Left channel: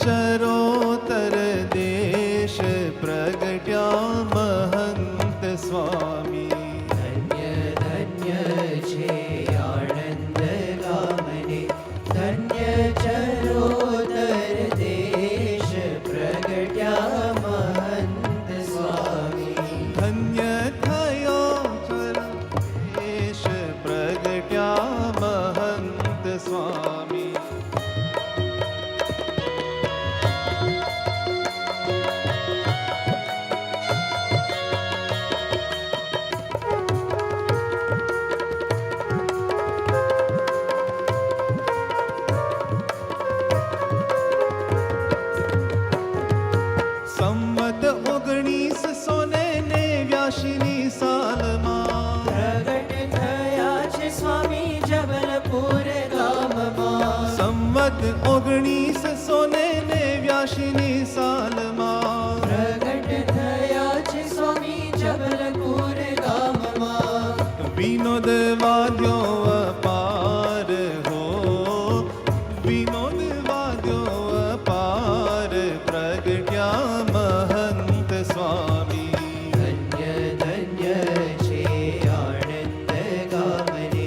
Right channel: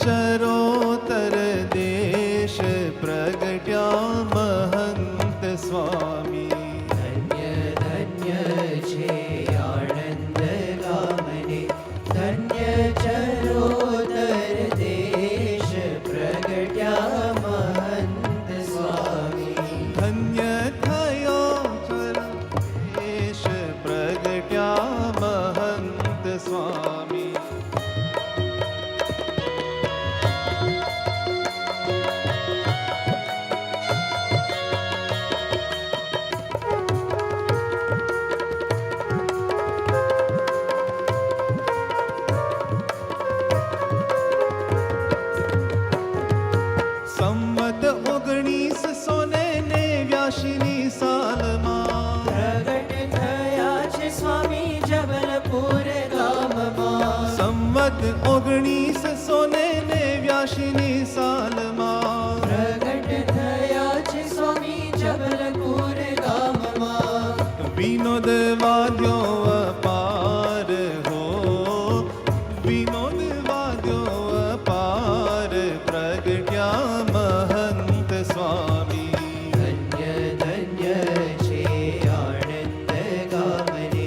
ચરોતર દેશ પ્રગટ્યા મહંત સ્વામી. ધન્ય ધન્ય છે આનંદ ગામને, ધન્ય ચરોતર દેશ પ્રગટ્યા મહંત સ્વામી. ધન્ય થયો દેશ પ્રગટ્યા મહંત સ્વામી. સંવત 1989 સાલમાં પ્રગટ થયા છે સ્વામી જબલપુર ગામમાં. સંવત 1989 સાલમાં પ્રગટ થયા છે સ્વામી જબલપુર ગામમાં. વિનોદ વાદ્યો અપાર હો, વિનોદ વાદ્યો અપાર પ્રગટ્યા મહંત સ્વામી. ધન્ય ધન્ય છે આનંદ ગામને,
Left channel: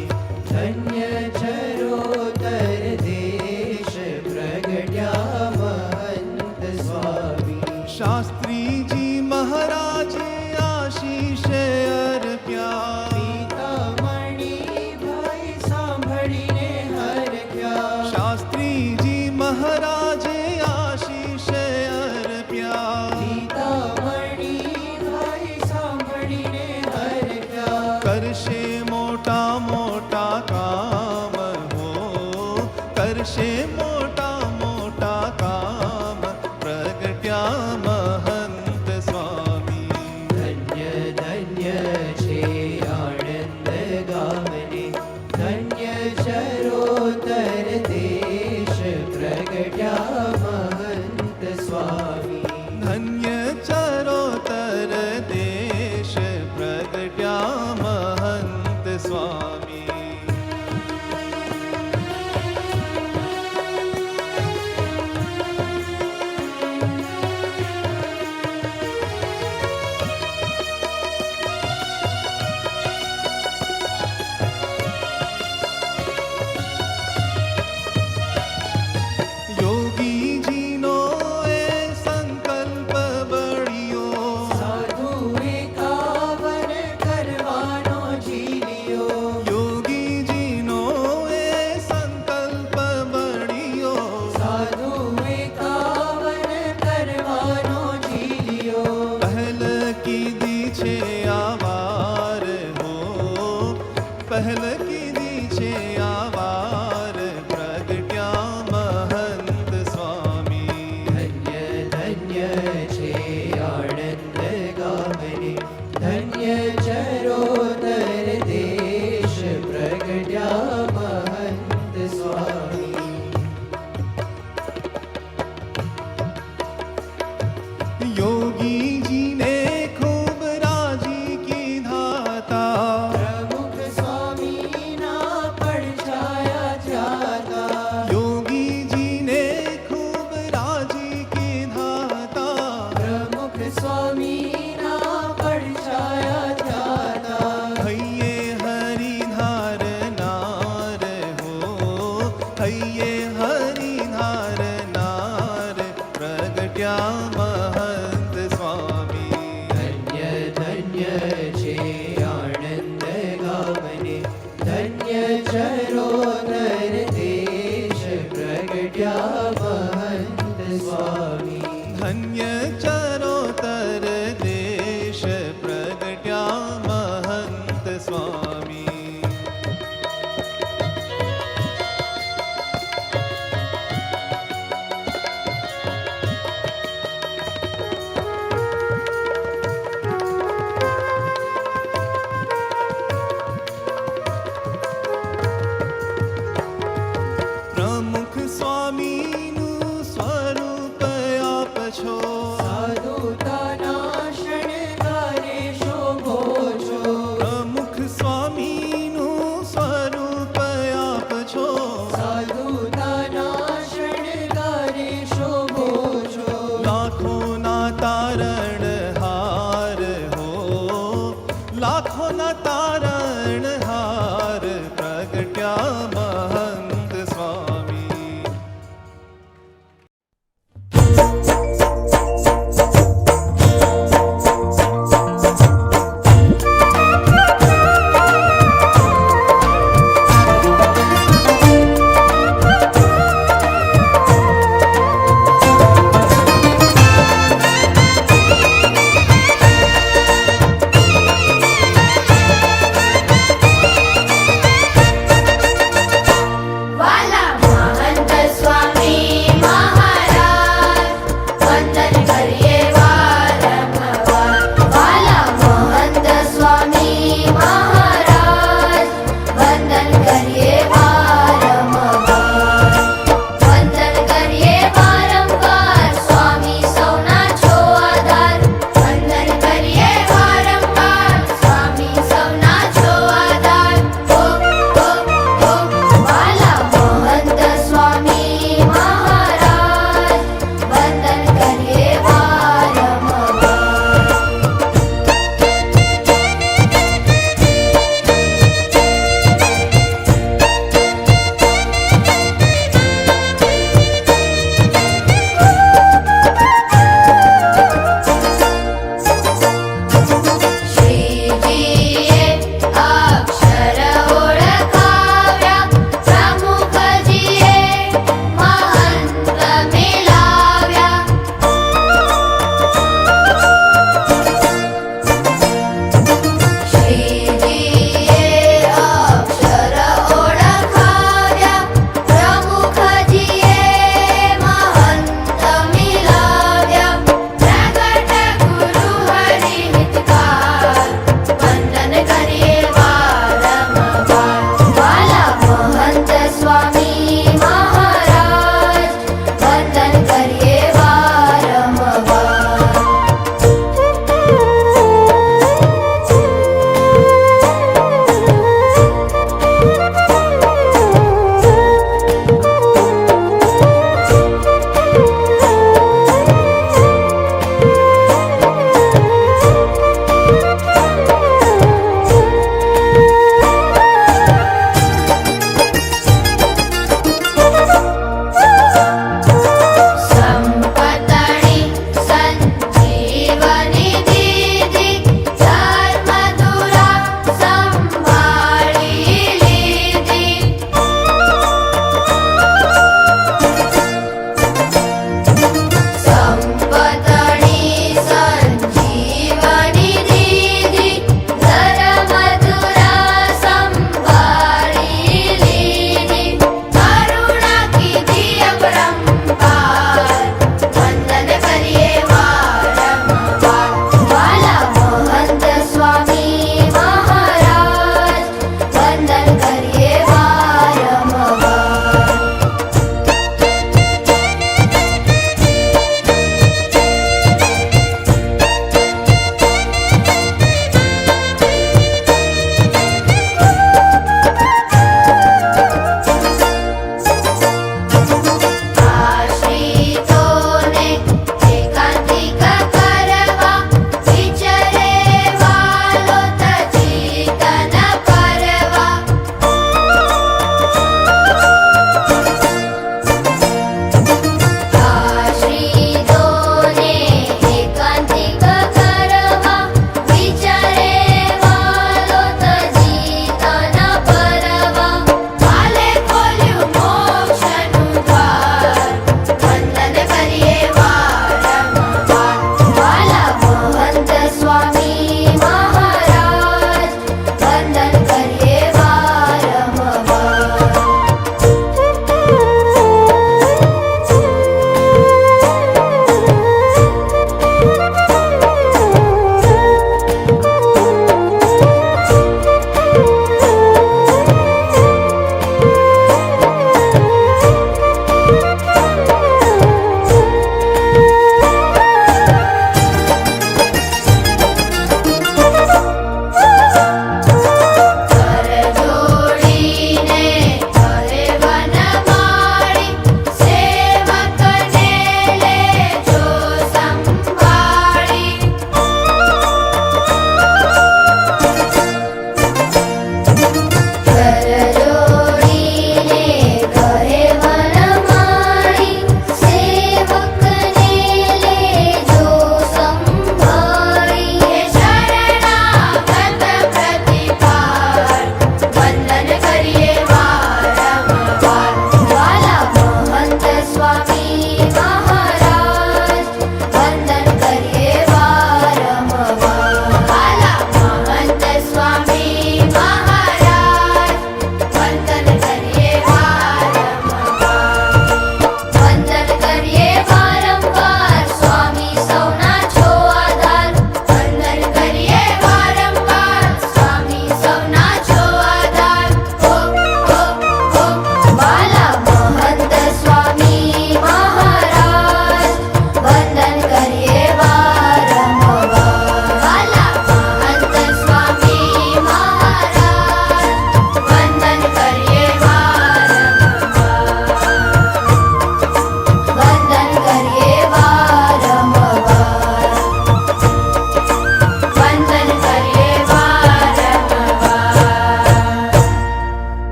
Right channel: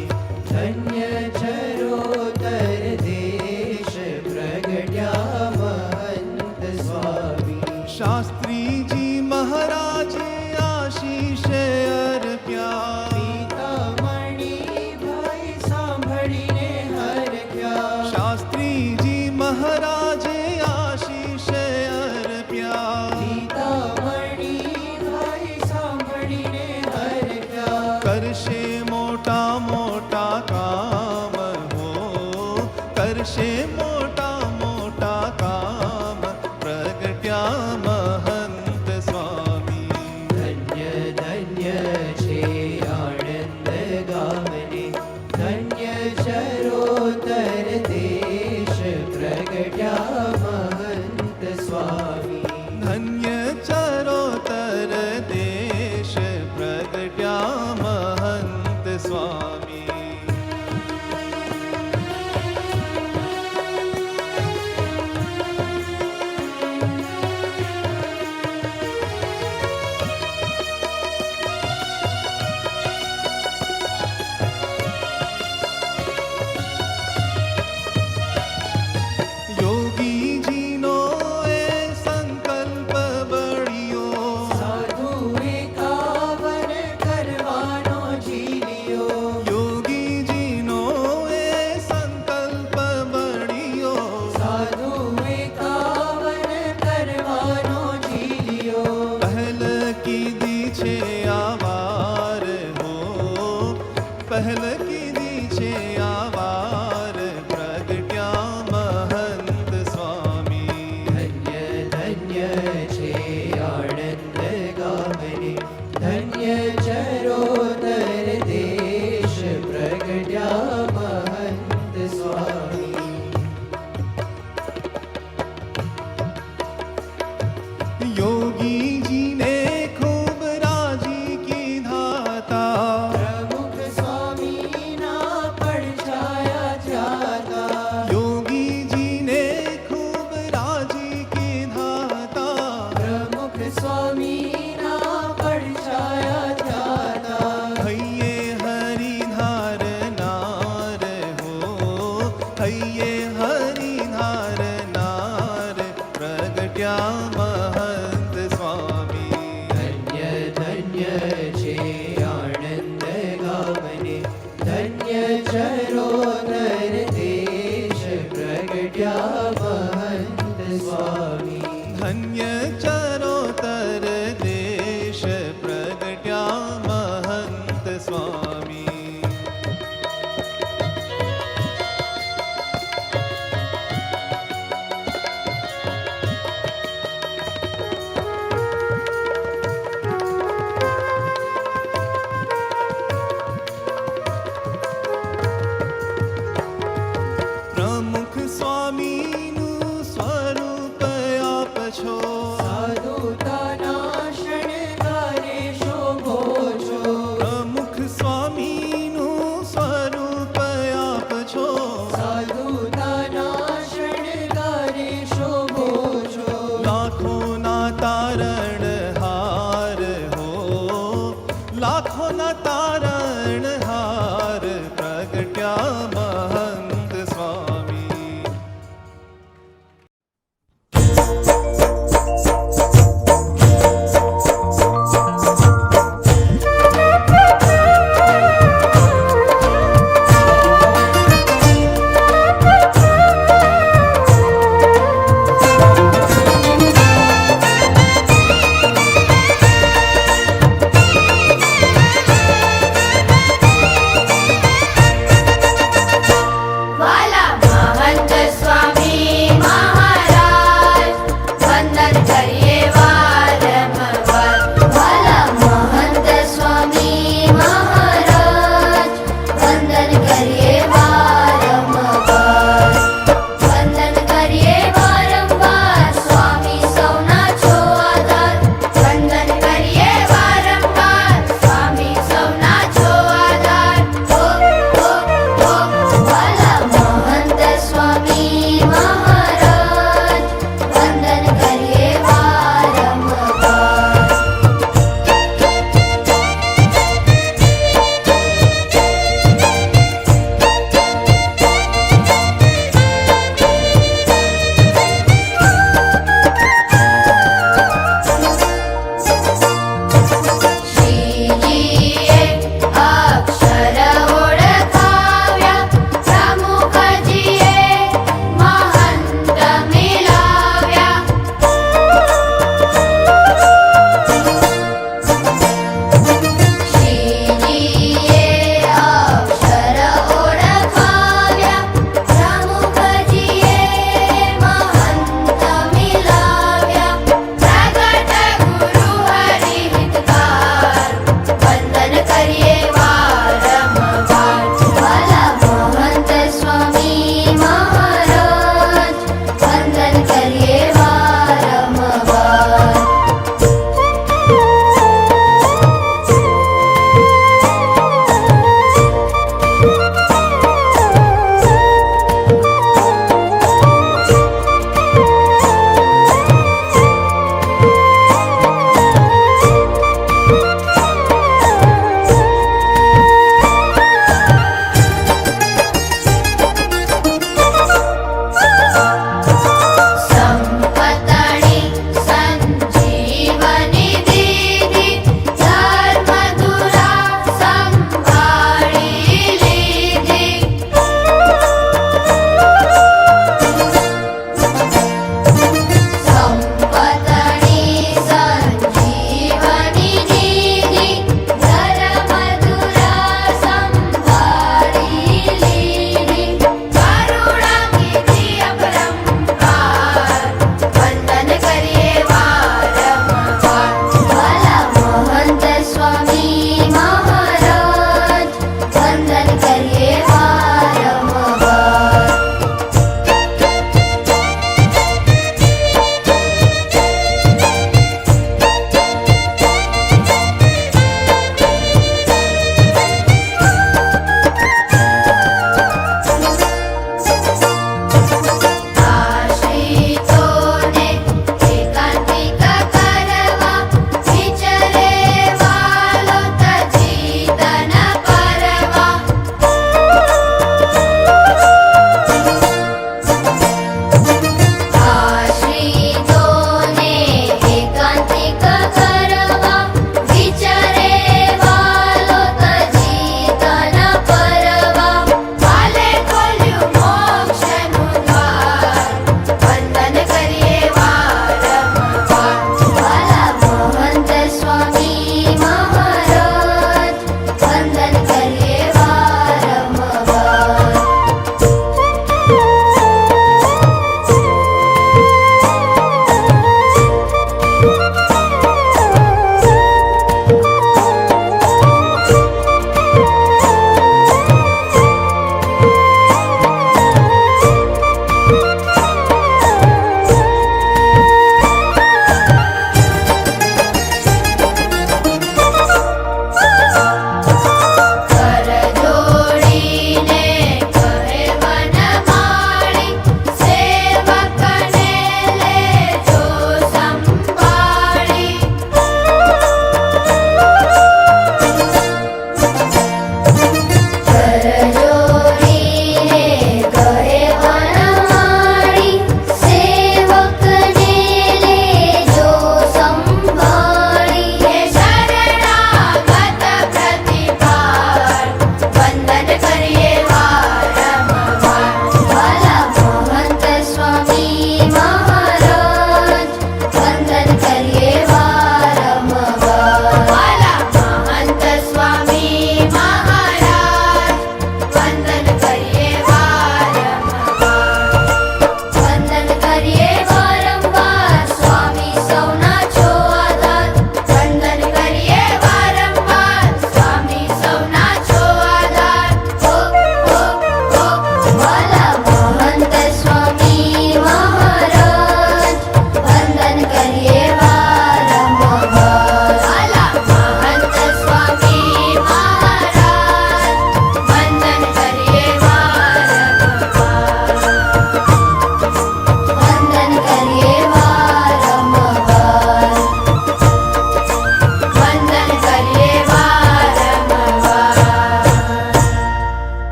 ધન્ય ચરોતર દેશ પ્રગટ્યા મહંત સ્વામી. શાસ્ત્રીજી મહારાજે આશીષ અર્પ્યા. પિતામણી ભાઈ સાંભળીને હરખ્યા. શાસ્ત્રીજી મહારાજે આશીષ અર્પ્યા. પિતામણી ભાઈ સાંભળીને હરખ્યા. કરશે મોટા મોટા કામ હો, કરશે મોટા મોટા કામ પ્રગટ્યા મહંત સ્વામી. ધન્ય ધન્ય છે આનંદ ગામને, ધન્ય ચરોતર દેશ પ્રગટ્યા મહંત સ્વામી. ધન્ય ચરોતર દેશ પ્રગટ્યા મહંત સ્વામી. યોગીજીનો એ સંકલ્પ બળ્યો. સાધુ એકાવન કરવાનો ઝીલ્યો. યોગીજીનો એ સંકલ્પ બળ્યો. સાધુ એકાવન કરવાનો ઝીલ્યો. પહેલ કીધી છે આવાર હો, પહેલ કીધી છે આવાર પ્રગટ્યા મહંત સ્વામી. ધન્ય ધન્ય છે આનંદ ગામને, ધન્ય ચરોતર દેશ પ્રગટ્યા મહંત સ્વામી. યોગીજીને ખૂબ રાજી કીધા તા. પ્રમુખ સ્વામીના પડછાયા થયા તા. યોગીજીને ખૂબ રાજી કીધા તા. પ્રમુખ સ્વામીના પડછાયા થયા તા. હૈયે હરિધાર નાર હો, હૈયે હરિધાર નાર પ્રગટ્યા મહંત સ્વામી. ધન્ય ધન્ય છે આનંદ ગામને, ધન્ય ચરોતર દેશ પ્રગટ્યા મહંત સ્વામી. ધન્ય ચરોતર દેશ પ્રગટ્યા મહંત સ્વામી. પ્રમુખ સ્વામીનું સ્વરૂપ આપ છો.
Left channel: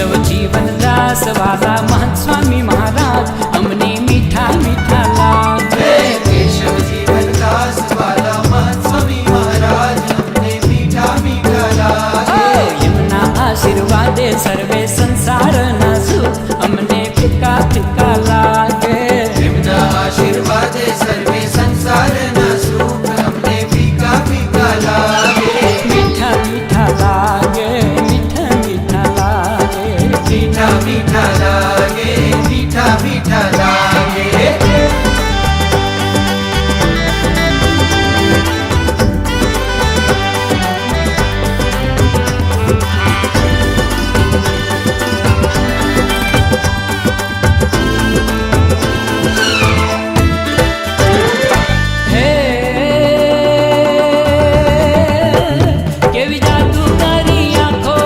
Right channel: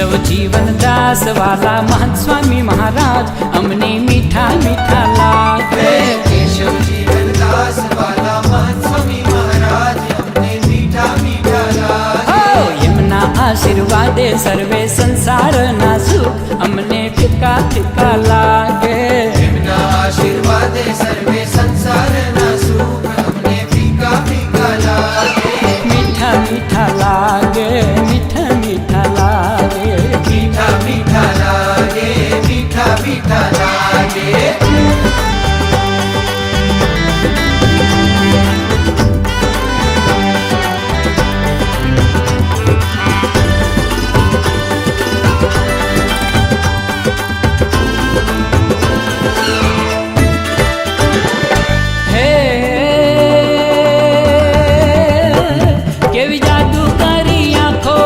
કેશવ જીવન દાસ વાલા મહંત સ્વામી મહારાજ અમને મીઠા મીઠા લાગે. કેશવ જીવન દાસ વાલા મહંત સ્વામી મહારાજ અમને મીઠા મીઠા લાગે. એમના આશીર્વાદે સર્વે સંસારના સુખ અમને ફીકા ફીકા લાગે. એમના આશીર્વાદે સર્વે સંસારના સુખ અમને ફીકા ફીકા લાગે. મીઠા મીઠા લાગે, મીઠા મીઠા લાગે, મીઠા મીઠા લાગે, મીઠા મીઠા લાગે. કેવી જાદુગારી આંખો,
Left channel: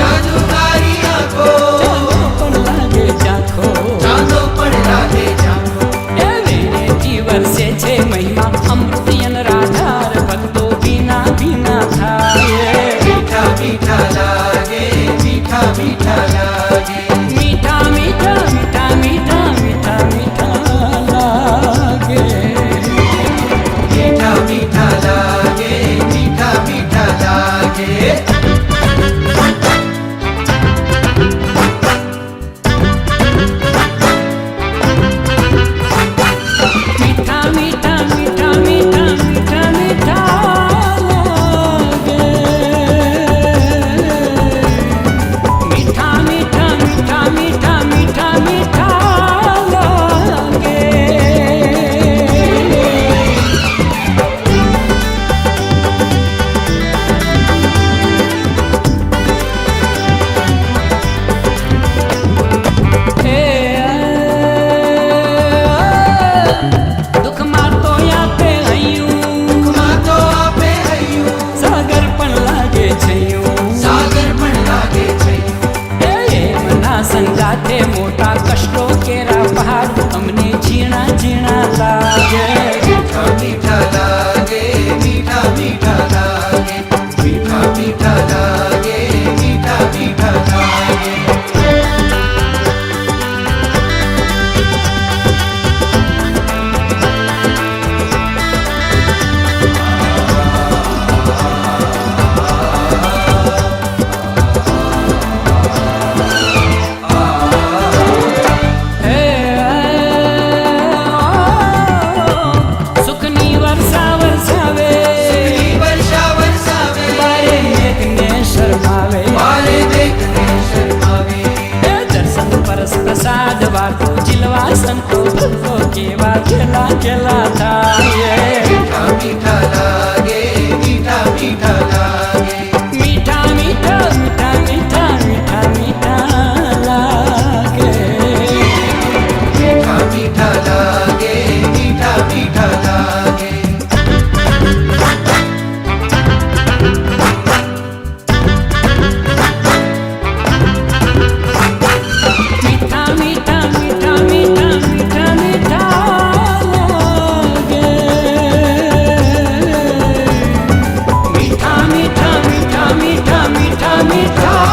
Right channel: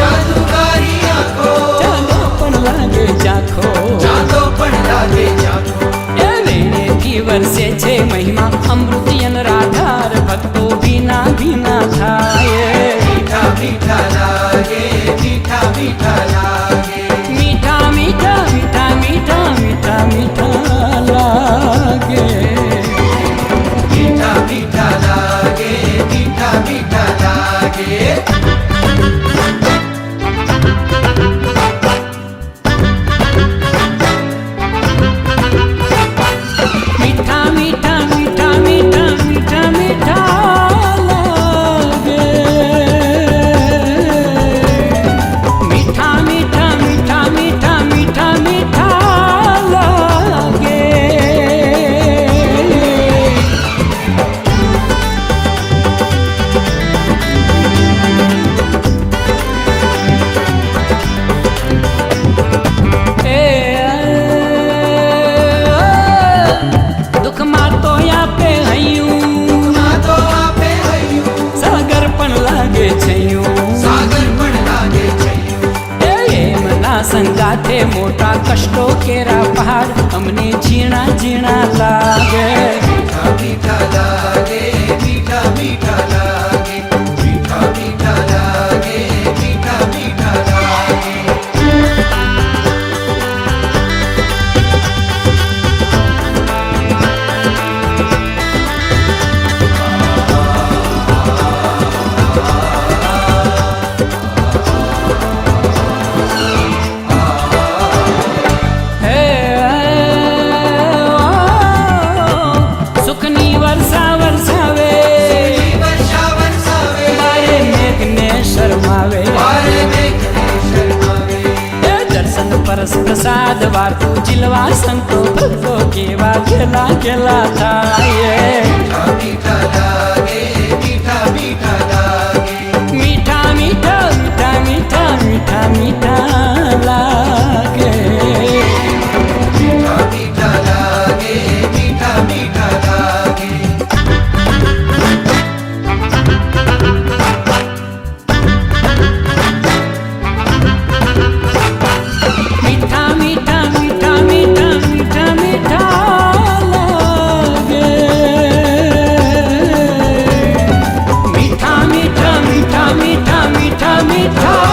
જાદુગારી આંખો, ચાંદો પણ લાગે ઝાંખો, ચાંદો પણ લાગે ઝાંખો. એ વેણેથી વરસે છે મહિમા અમૃતિયન રાધાર ભક્તો ભીના ભીના થાય. મીઠા મીઠા લાગે, મીઠા મીઠા લાગે. મીઠા મીઠા મીઠા મીઠા મીઠા મીઠા લાગે. મીઠા મીઠા લાગે, મીઠા મીઠા લાગે. મીઠા મીઠા મીઠા મીઠા મીઠા મીઠા લાગે. મીઠા મીઠા મીઠા મીઠા મીઠા મીઠા લાગે. દુઃખમાં તો આપે હૈયું, માં તો આપે હૈયું, સાગર પણ લાગે છૈયું. સાગર પણ લાગે છે. એમના સંગાથે મોટા કષ્ટો કેરા પહાડ અમને ઝીણા ઝીણા લાગે. મીઠા મીઠા લાગે, મીઠા મીઠા લાગે. મીઠા મીઠા લાગે, મીઠા મીઠા લાગે. સુખની વર્ષા વરસાવે, વર્ષા વરસાવે, બારે મેઘને શરમાવે. બારે મેઘને શરમાવે. એ દર્શન પરસ પ્રસાદ વાર્તું જીલવા સંતો ભક્તો કેવા ખેલા ખેલા થાય. મીઠા મીઠા લાગે, મીઠા મીઠા લાગે. મીઠા મીઠા મીઠા મીઠા મીઠા મીઠા લાગે. મીઠા મીઠા લાગે, મીઠા મીઠા લાગે. મીઠા મીઠા મીઠા મીઠા મીઠા મીઠા લાગે. મીઠા મીઠા મીઠા મીઠા મીઠા મીઠા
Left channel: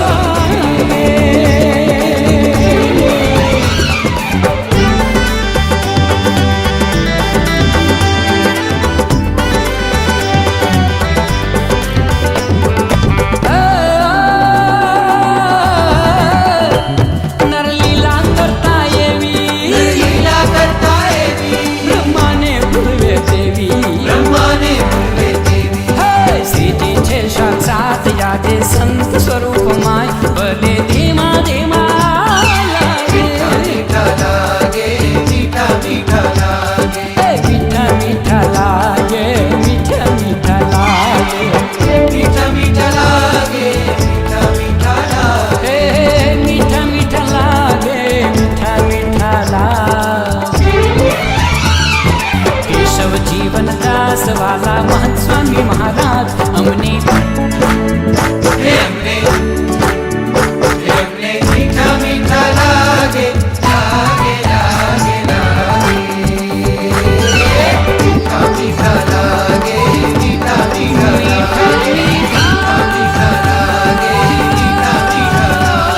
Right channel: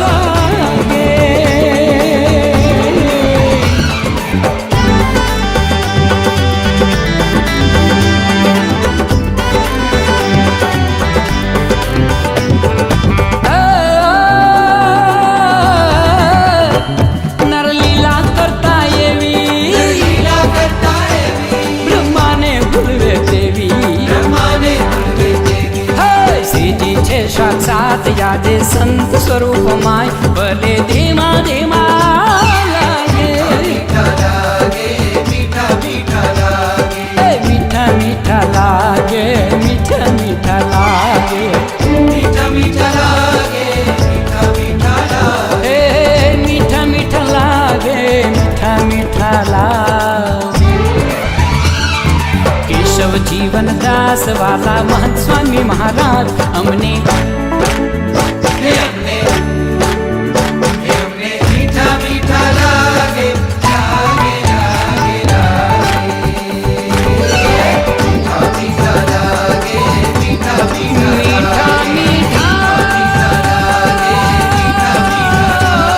લાગે. નરલીલા કરતા એવી, લીલા કરતા એવી, બ્રહ્માને ભૂલવે તેવી. બ્રહ્માને ભૂલવે તેવી. હે શ્રીજી છે સાક્ષાત યાદે સંત સ્વરૂપમાય ભલે ધીમા ધીમા લાગે. મીઠા લાગે, મીઠા મીઠા લાગે. એ મીઠા મીઠા લાગે, મીઠા મીઠા લાગે. મીઠા મીઠા લાગે, મીઠા મીઠા લાગે. હે મીઠા મીઠા લાગે, મીઠા મીઠા લાગે. કેશવ જીવન દાસ વાલા મહંત સ્વામી મહારાજ અમને એમને એમને મીઠા મીઠા લાગે, લાગે લાગે લાગે. મીઠા મીઠા લાગે, મીઠા મીઠા મીઠા લાગે. મીઠા મીઠા લાગે, મીઠા મીઠા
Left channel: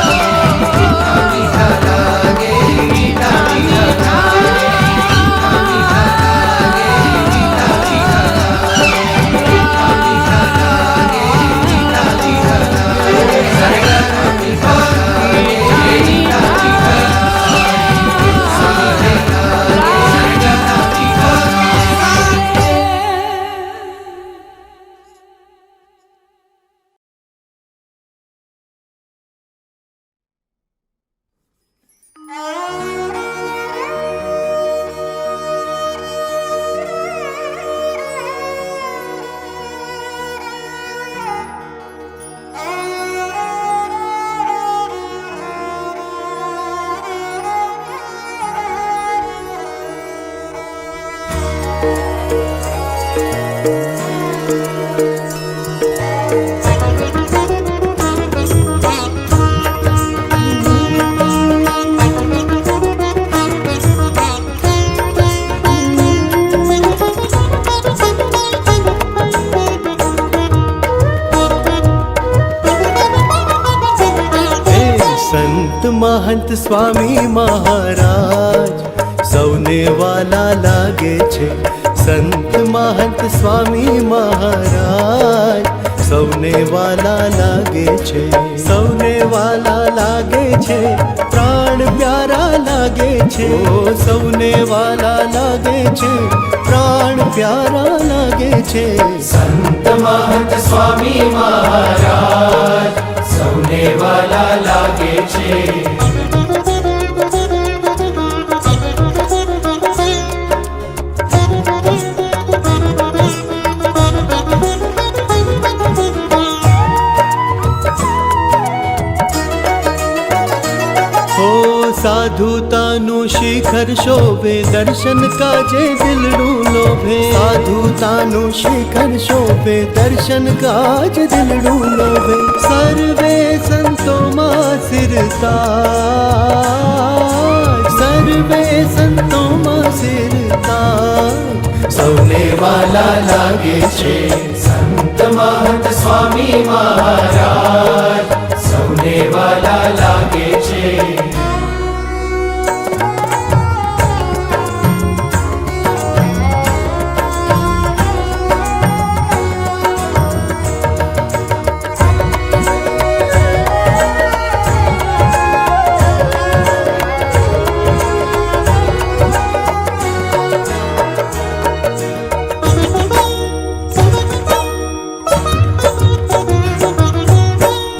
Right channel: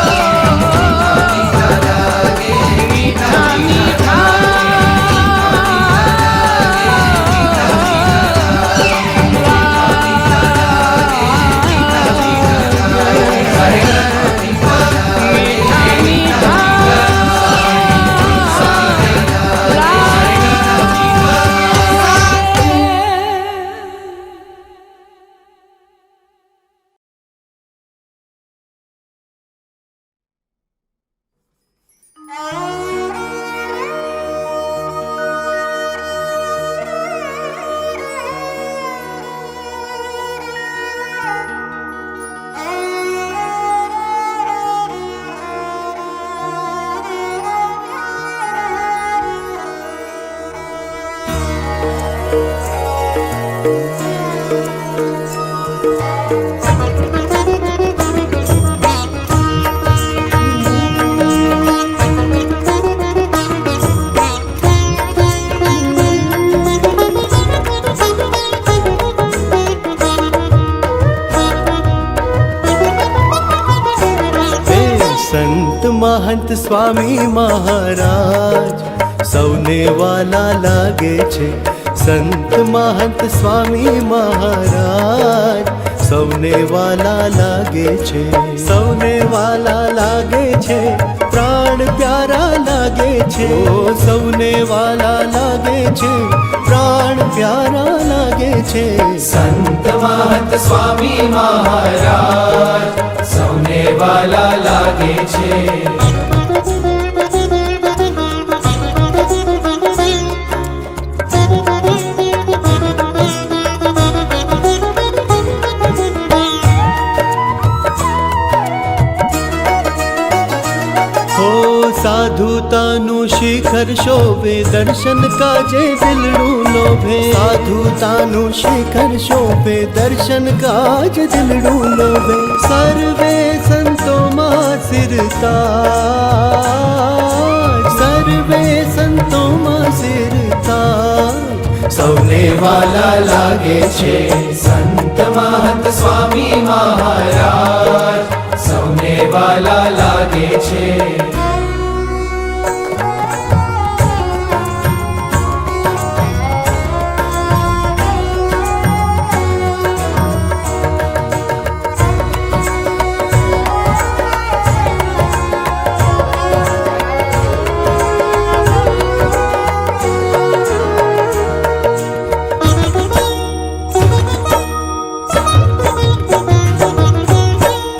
महंत स्वामी महाराज સૌને વાલા લાગે છે. સંત महंत स्वामी महाराज સૌને વાલા લાગે છે. સૌને વાલા લાગે છે, પ્રાણ પ્યારા લાગે છે. ઓ સૌને વાલા લાગે છે, પ્રાણ પ્યારા લાગે છે. સંત મહંત સ્વામી મહારાજ સૌને વાલા લાગે છે. સાધુતાનું શિખર શોભે, દર્શન કાજે દિલડું લોભે. સાધુતાનું શિખર શોભે, દર્શન કાજ દિલડું લોભે. સર્વે સંતોમાં સિરતાજ, સર્વે સંતોમાં સિરતાજ સૌને વાલા લાગે છે. સંત મહંત સ્વામી મહારાજ સૌને વાલા લાગે છે.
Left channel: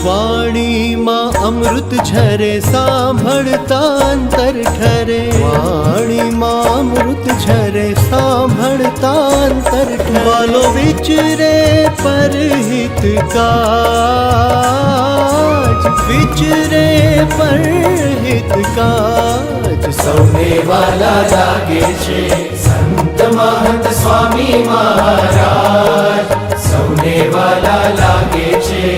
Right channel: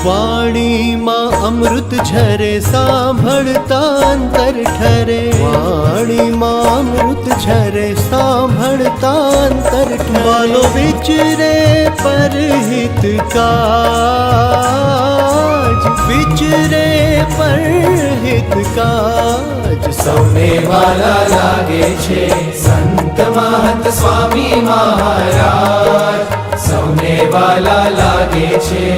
વાણીમાં અમૃત ઝરે, સાંભળતા અંતર ઠરે. વાણીમાં અમૃત ઝરે, સાંભળતા અંતર ઠરે. વાલો વિચરે પરહિત કાજ, વિચરે પરહિત કાજ સૌને વાલા લાગે છે. સંત મહંત સ્વામી મહારાજ સૌને વાલા લાગે છે.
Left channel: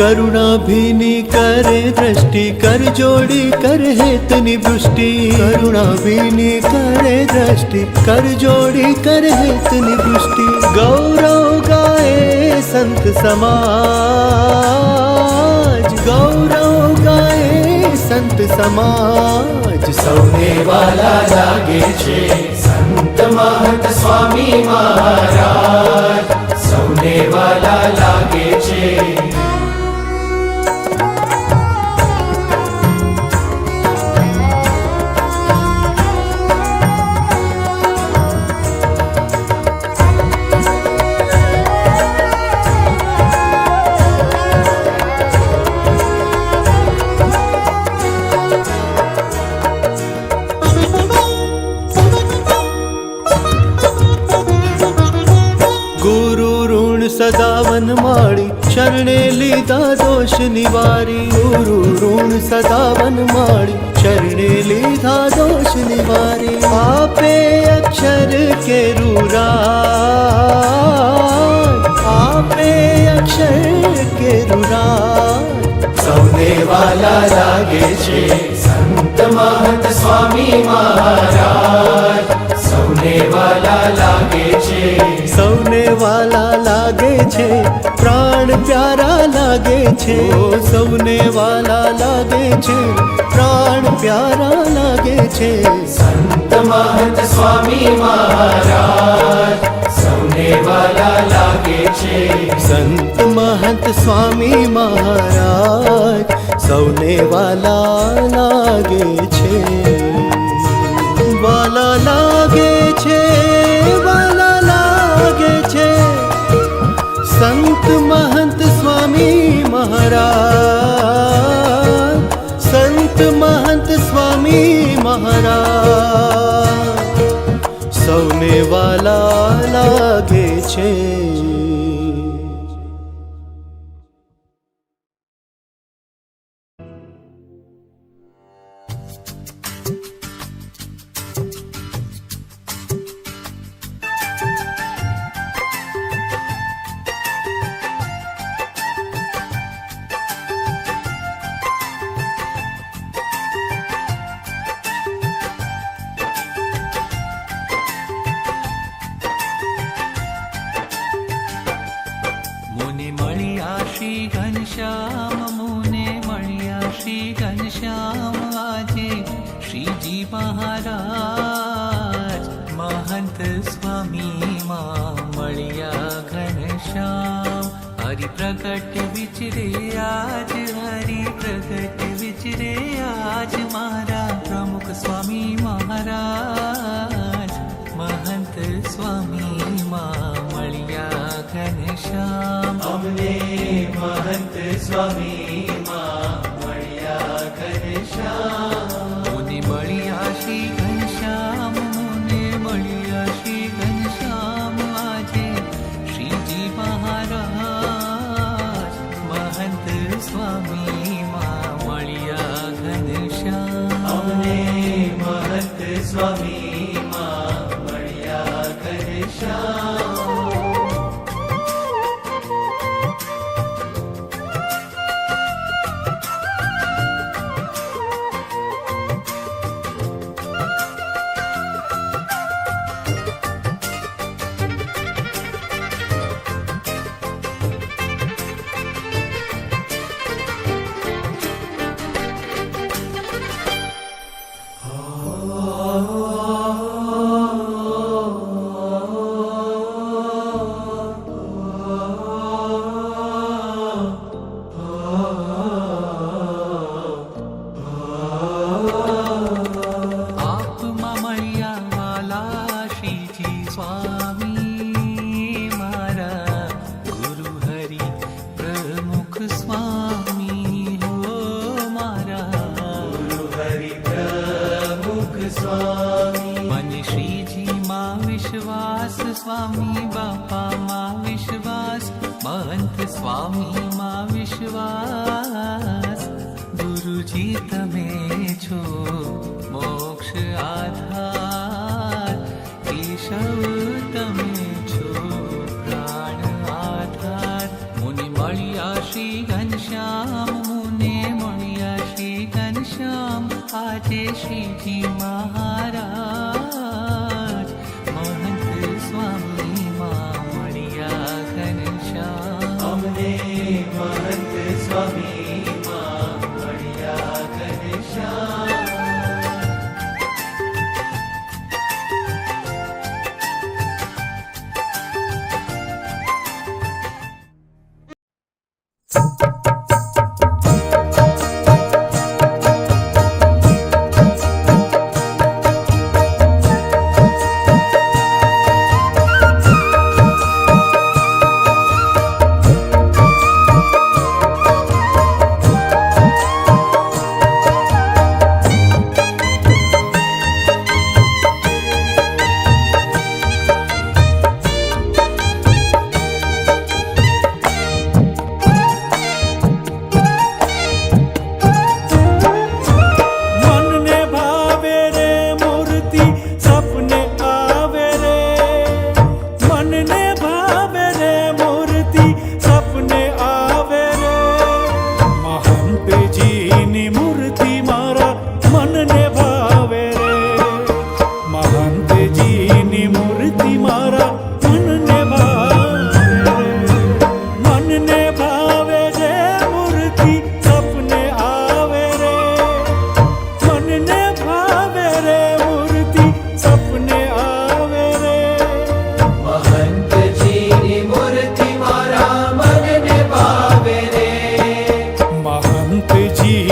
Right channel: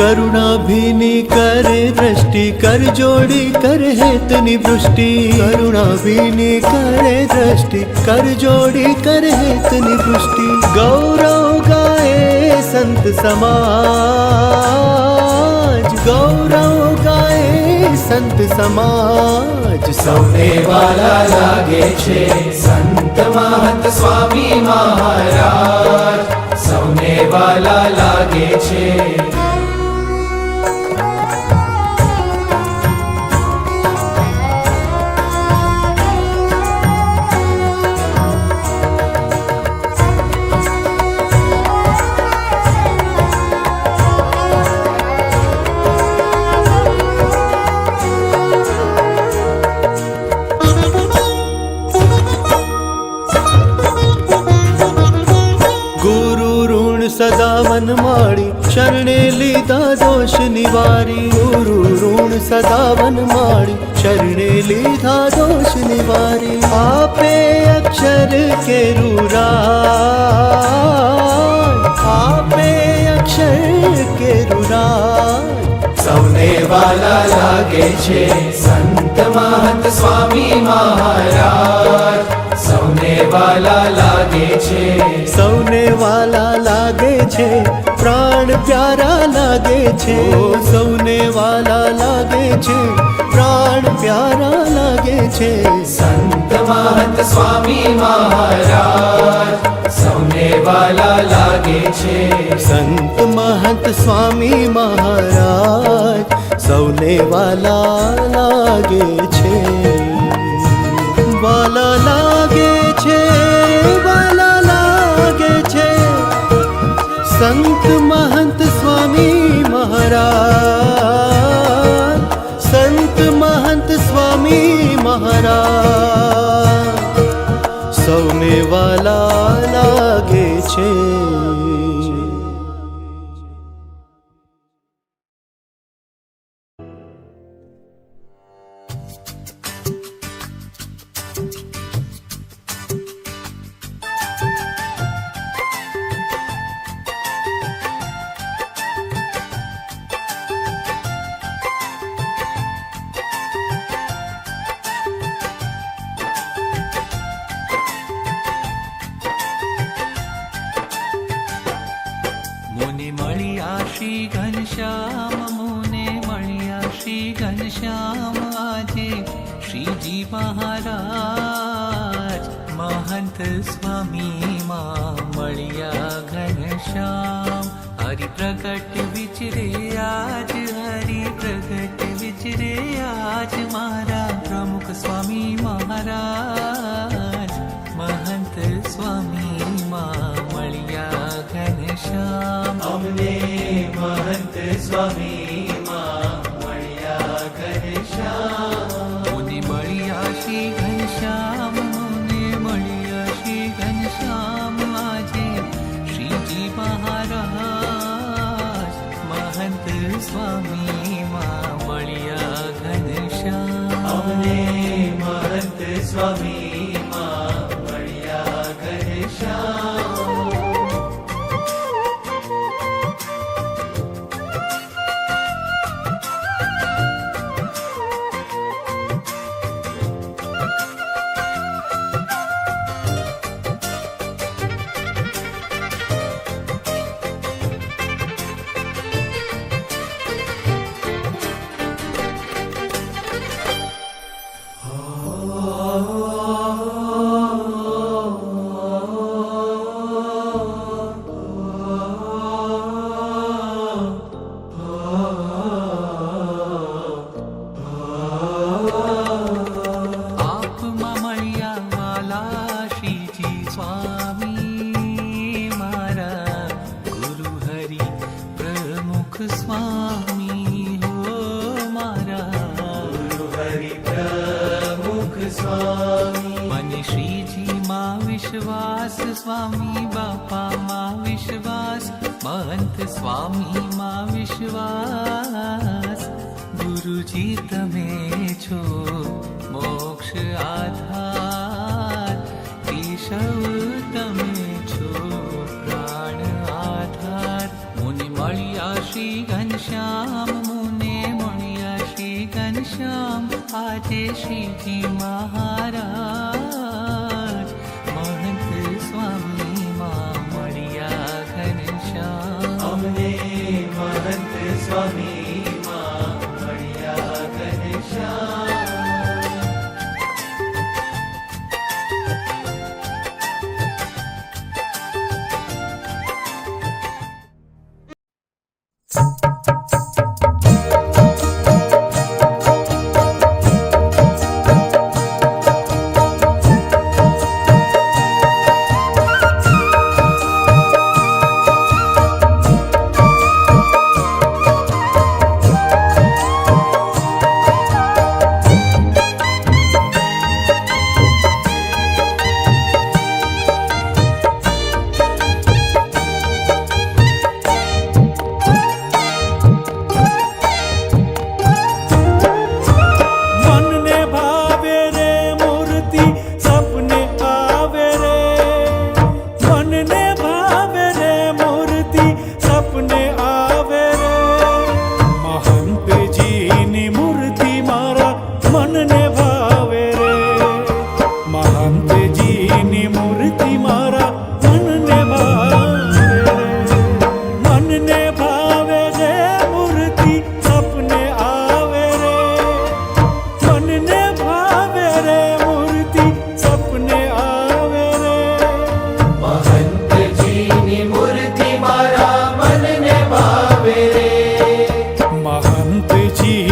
કરુણા ભીની કરે દ્રષ્ટિ, કર જોડી કર હેતની વૃષ્ટિ. કરુણા ભીની કરે દ્રષ્ટિ, કર જોડી કર હેતની વૃષ્ટિ. ગૌરવ ગાય સંત સમાજ, ગૌરવ ગાય સંત સમાજ સૌને વાલા લાગે છે. સંત મહંત સ્વામી મહારાજ સૌને વાલા લાગે છે. સદા વનમાળી, શરણે લીધા દોષ નિવારી. ગુરુ ઋણ સદા વનમાળી, શરણે લીધા દોષ નિવારી. આપે અક્ષર કેરું રાજ, આપે અક્ષર કેરું રાજ સૌને વાલા લાગે છે. સંત મહંત સ્વામી મહારાજ સૌને વાલા લાગે છે. સૌને વાલા લાગે છે, પ્રાણ પ્યારા લાગે છે. ઓ સૌને વાલા લાગે છે, પ્રાણ પ્યારા લાગે છે. સંત મહંત સ્વામી મહારાજ સૌને વાલા લાગે છે. સંત महंत स्वामी महाराज સૌને વાલા લાગે છે. વાલા લાગે છે, વાલા લાગે છે. સંત महंत स्वामी महाराज, સંત महंत स्वामी महाराज સૌને વાલા લાગે છે. શ્રી ઘનશ્યામ મુને મળ્યા શ્રી ઘનશ્યામ આજે શ્રીજી મહારાજ મહંત સ્વામી માં મળ્યા ઘનશ્યામ હરિ પ્રગટ વિચરે આજ હરિ પ્રગટ વિચરે આજ મારા પ્રમુખ સ્વામી મહારાજ મહંત સ્વામી માં મળ્યા ઘનશ્યામ અમને મહંત સ્વામી માં મળ્યા ઘનશ્યામ મુને મળ્યા શ્રી ઘનશ્યામ મુને મળ્યા શ્રી ઘનશ્યામ આજે શ્રીજી મહારાજ મહંત સ્વામી માં મળ્યા ઘનશ્યામ અમને મહંત સ્વામી માં મળ્યા ઘનશ્યામ મને શ્રીજી માં વિશ્વાસ સ્વામી બાપા માં વિશ્વાસ મહંત સ્વામી માં વિશ્વાસ ગુરુજી તમે છો મોક્ષ આધાર કેશવ તમે છો પ્રાણ આધાર મુને મળ્યા શ્રી ઘનશ્યામ મુને મળ્યા શ્રી ઘનશ્યામ આજે શ્રીજી મહારાજ મહંત સ્વામી માં મળ્યા ઘનશ્યામ અમને મહંત સ્વામી માં મળ્યા ઘનશ્યામ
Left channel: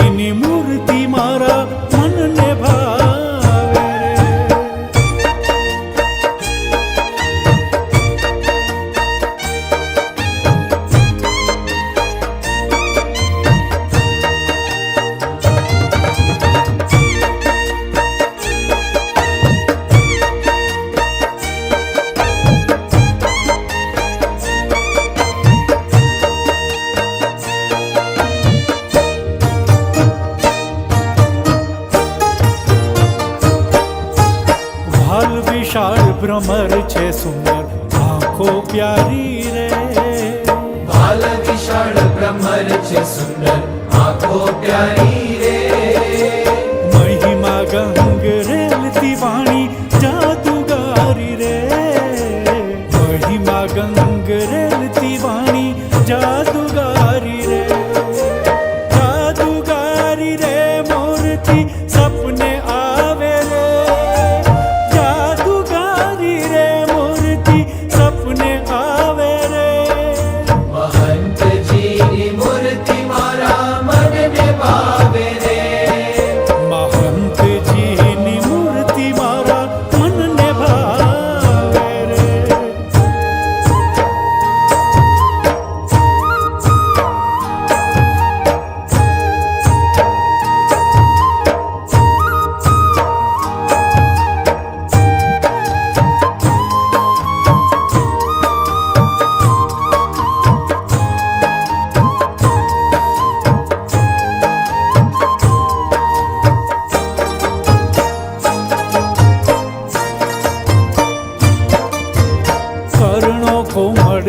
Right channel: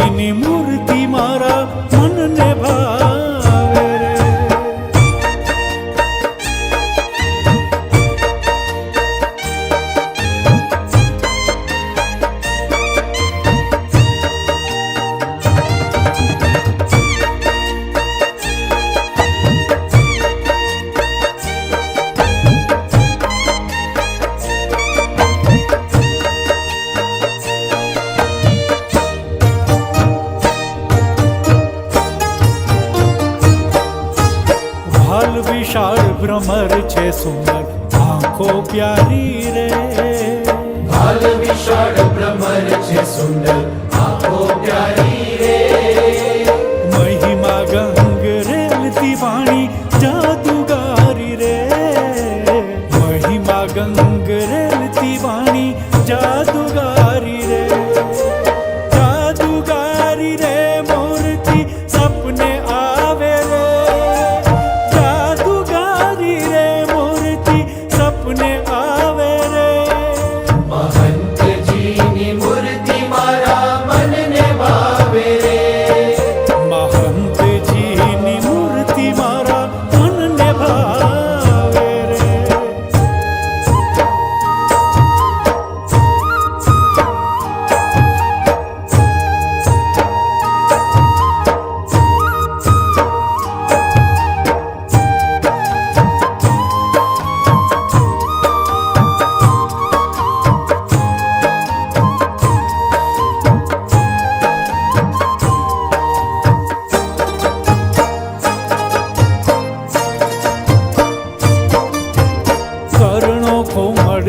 ની મૂર્તિ મારા મનને ભાવે રે. ભાલ વિશાળ ભ્રમર છે સુંદર આંખો પ્યારી રે. ભાલ વિશાળ ભ્રમર છે સુંદર આંખો પ્યારી રે. મહિમા ગંગ રેલતી વાણી જાદુગારી રે. મહિમા ગંગ રેલતી વાણી જાદુગારી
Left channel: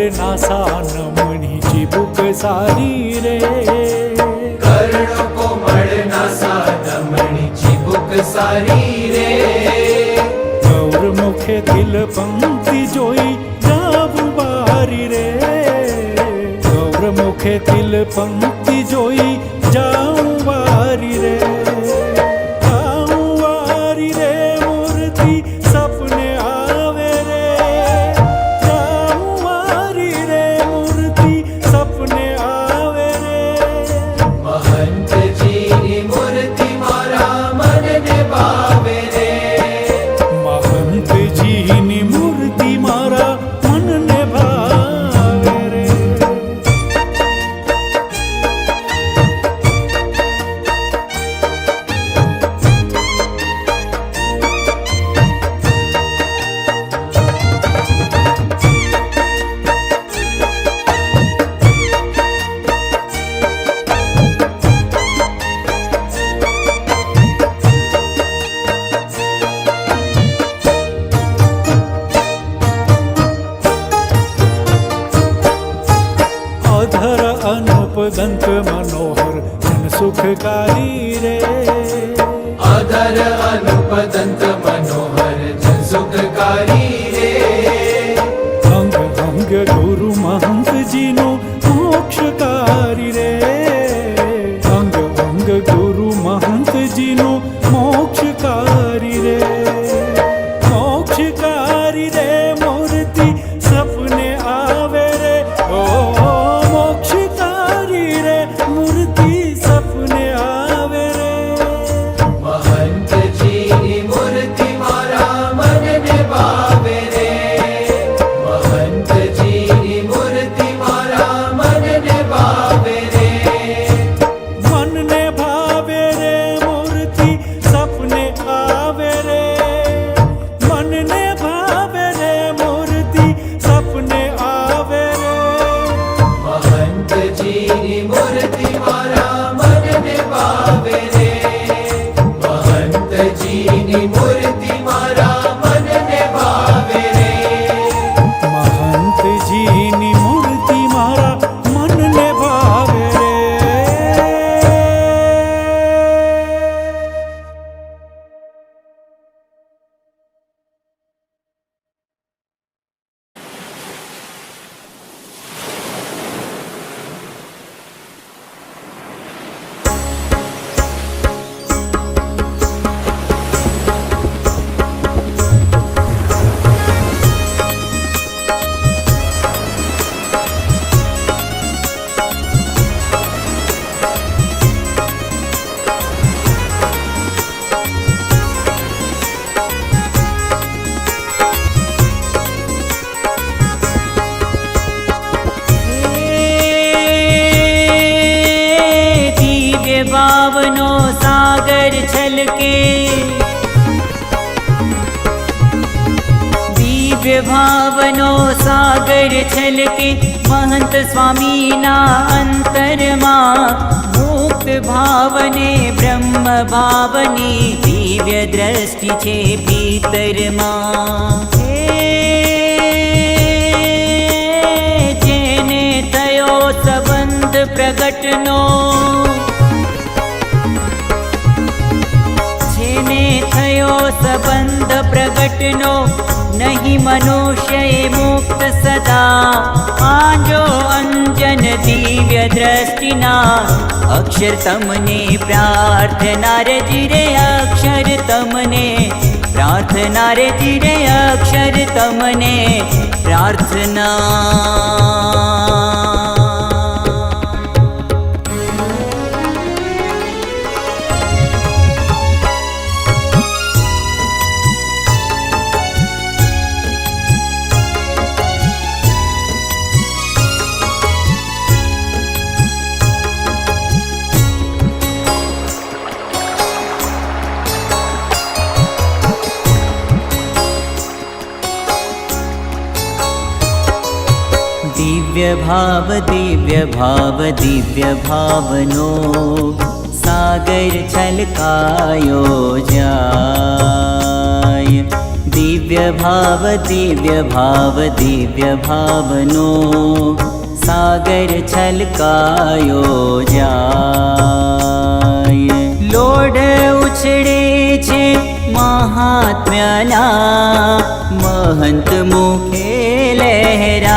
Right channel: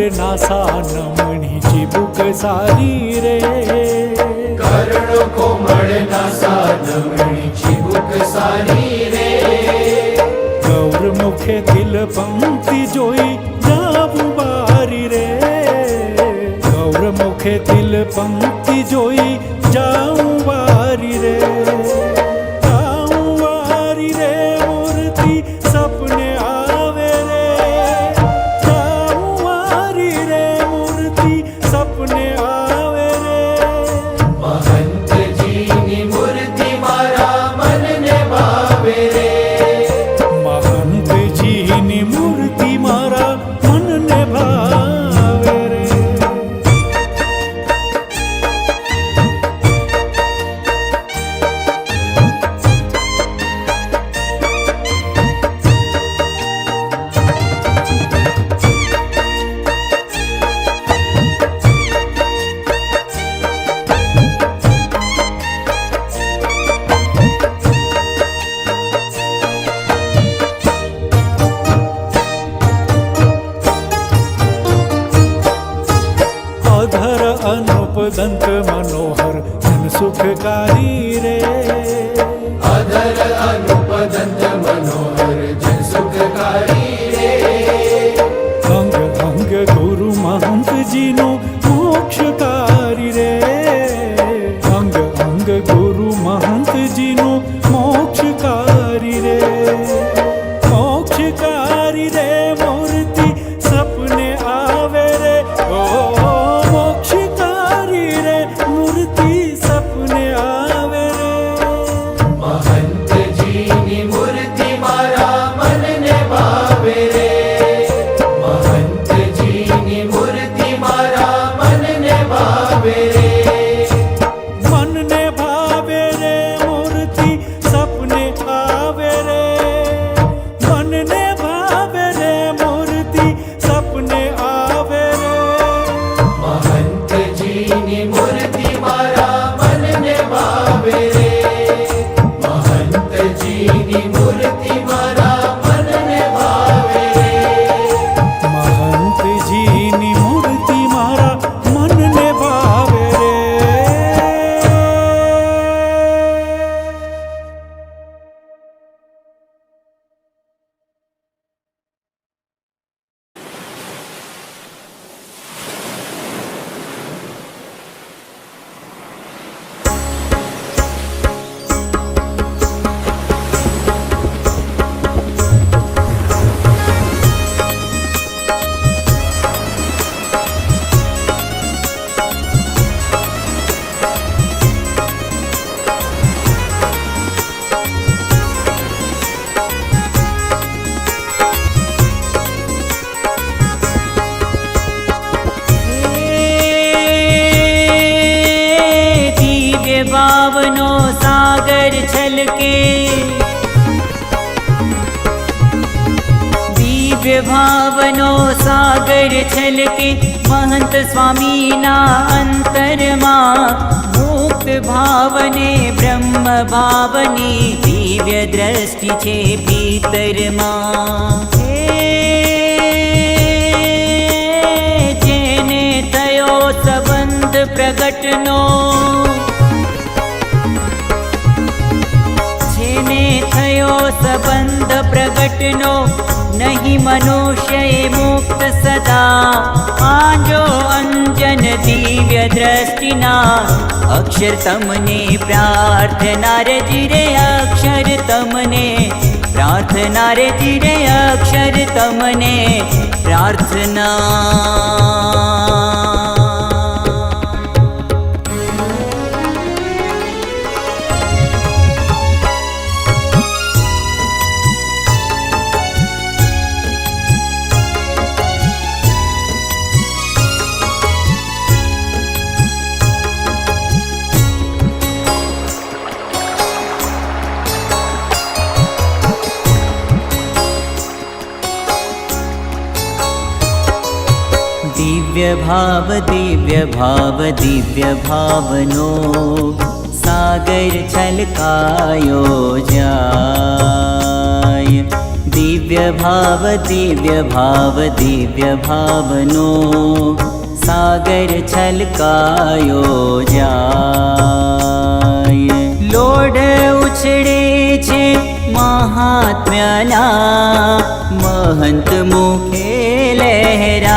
कोमळ नासा नमणी चिबुक सारी रे कर्णो कोमळ नासा नमणी चिबुक सारी रे गौर मुखेतील पंक्ती जोई जाऊ बारी रे गौर मुखेतील पंक्ती जोई जाऊ वारी रे मूर्ती सपने आवे रे जाऊ वारी रे मूर्ती सपने आवे रे महंत जी की मूर्ति मारा मन ने भावे रे महंत जी नी मूर्ति मारा मन ने भावे रे अधर अनुप दंत मनोहर जन सुखकारी रे अधर अनुप दंत मनोहर जन सुखकारी रे अंग अंग गुरु महंत जीनो मोक्षकारी रे अंग अंग गुरु महंत जीनो मोक्षकारी रे मोक्षकारी रे मूर्ति सपने आवे रे ओ मोक्षकारी रे मूर्ति सपने आवे रे महंत जी की मूर्ति मारा मन ने भावे रे महंत जी की मूर्ति मारा मन ने भावे रे मन ने भावे रे मूर्ति सपने आवे रे मन ने भावे रे मूर्ति सपने आवे रे महंत जी की मूर्ति मारा मन ने भावे रे महंत जी की मूर्ति मारा मन ने भावे रे महंत जी नी मूर्ति मारा मन ने भावे रे भावनो सागर छलके दिव्य भावनो सागर छलके महंत स्वामी ना अंतरमा मुक्त भावने ब्रह्म भावने दिव्य दृष्टि छे भीतरमा जेने थयो संबंध प्रगटनो थयो संबंध प्रगटनो नहीं मनुष्य मुक्त सदा आजो अंजन दिव्य दृष्टिना अक्षर तमने प्रार्थना रे जिरे अक्षर तमने प्रार्थना रे जिरे अक्षर तमने प्रार्थना दिव्य भावनो सागर छलकायो जाय દિવ્ય ભાવનો સાગર છલકાયો જાય. લોઢ ઉછળે છે મહાત્મ્યના, મહંત મુખે લહેરાય.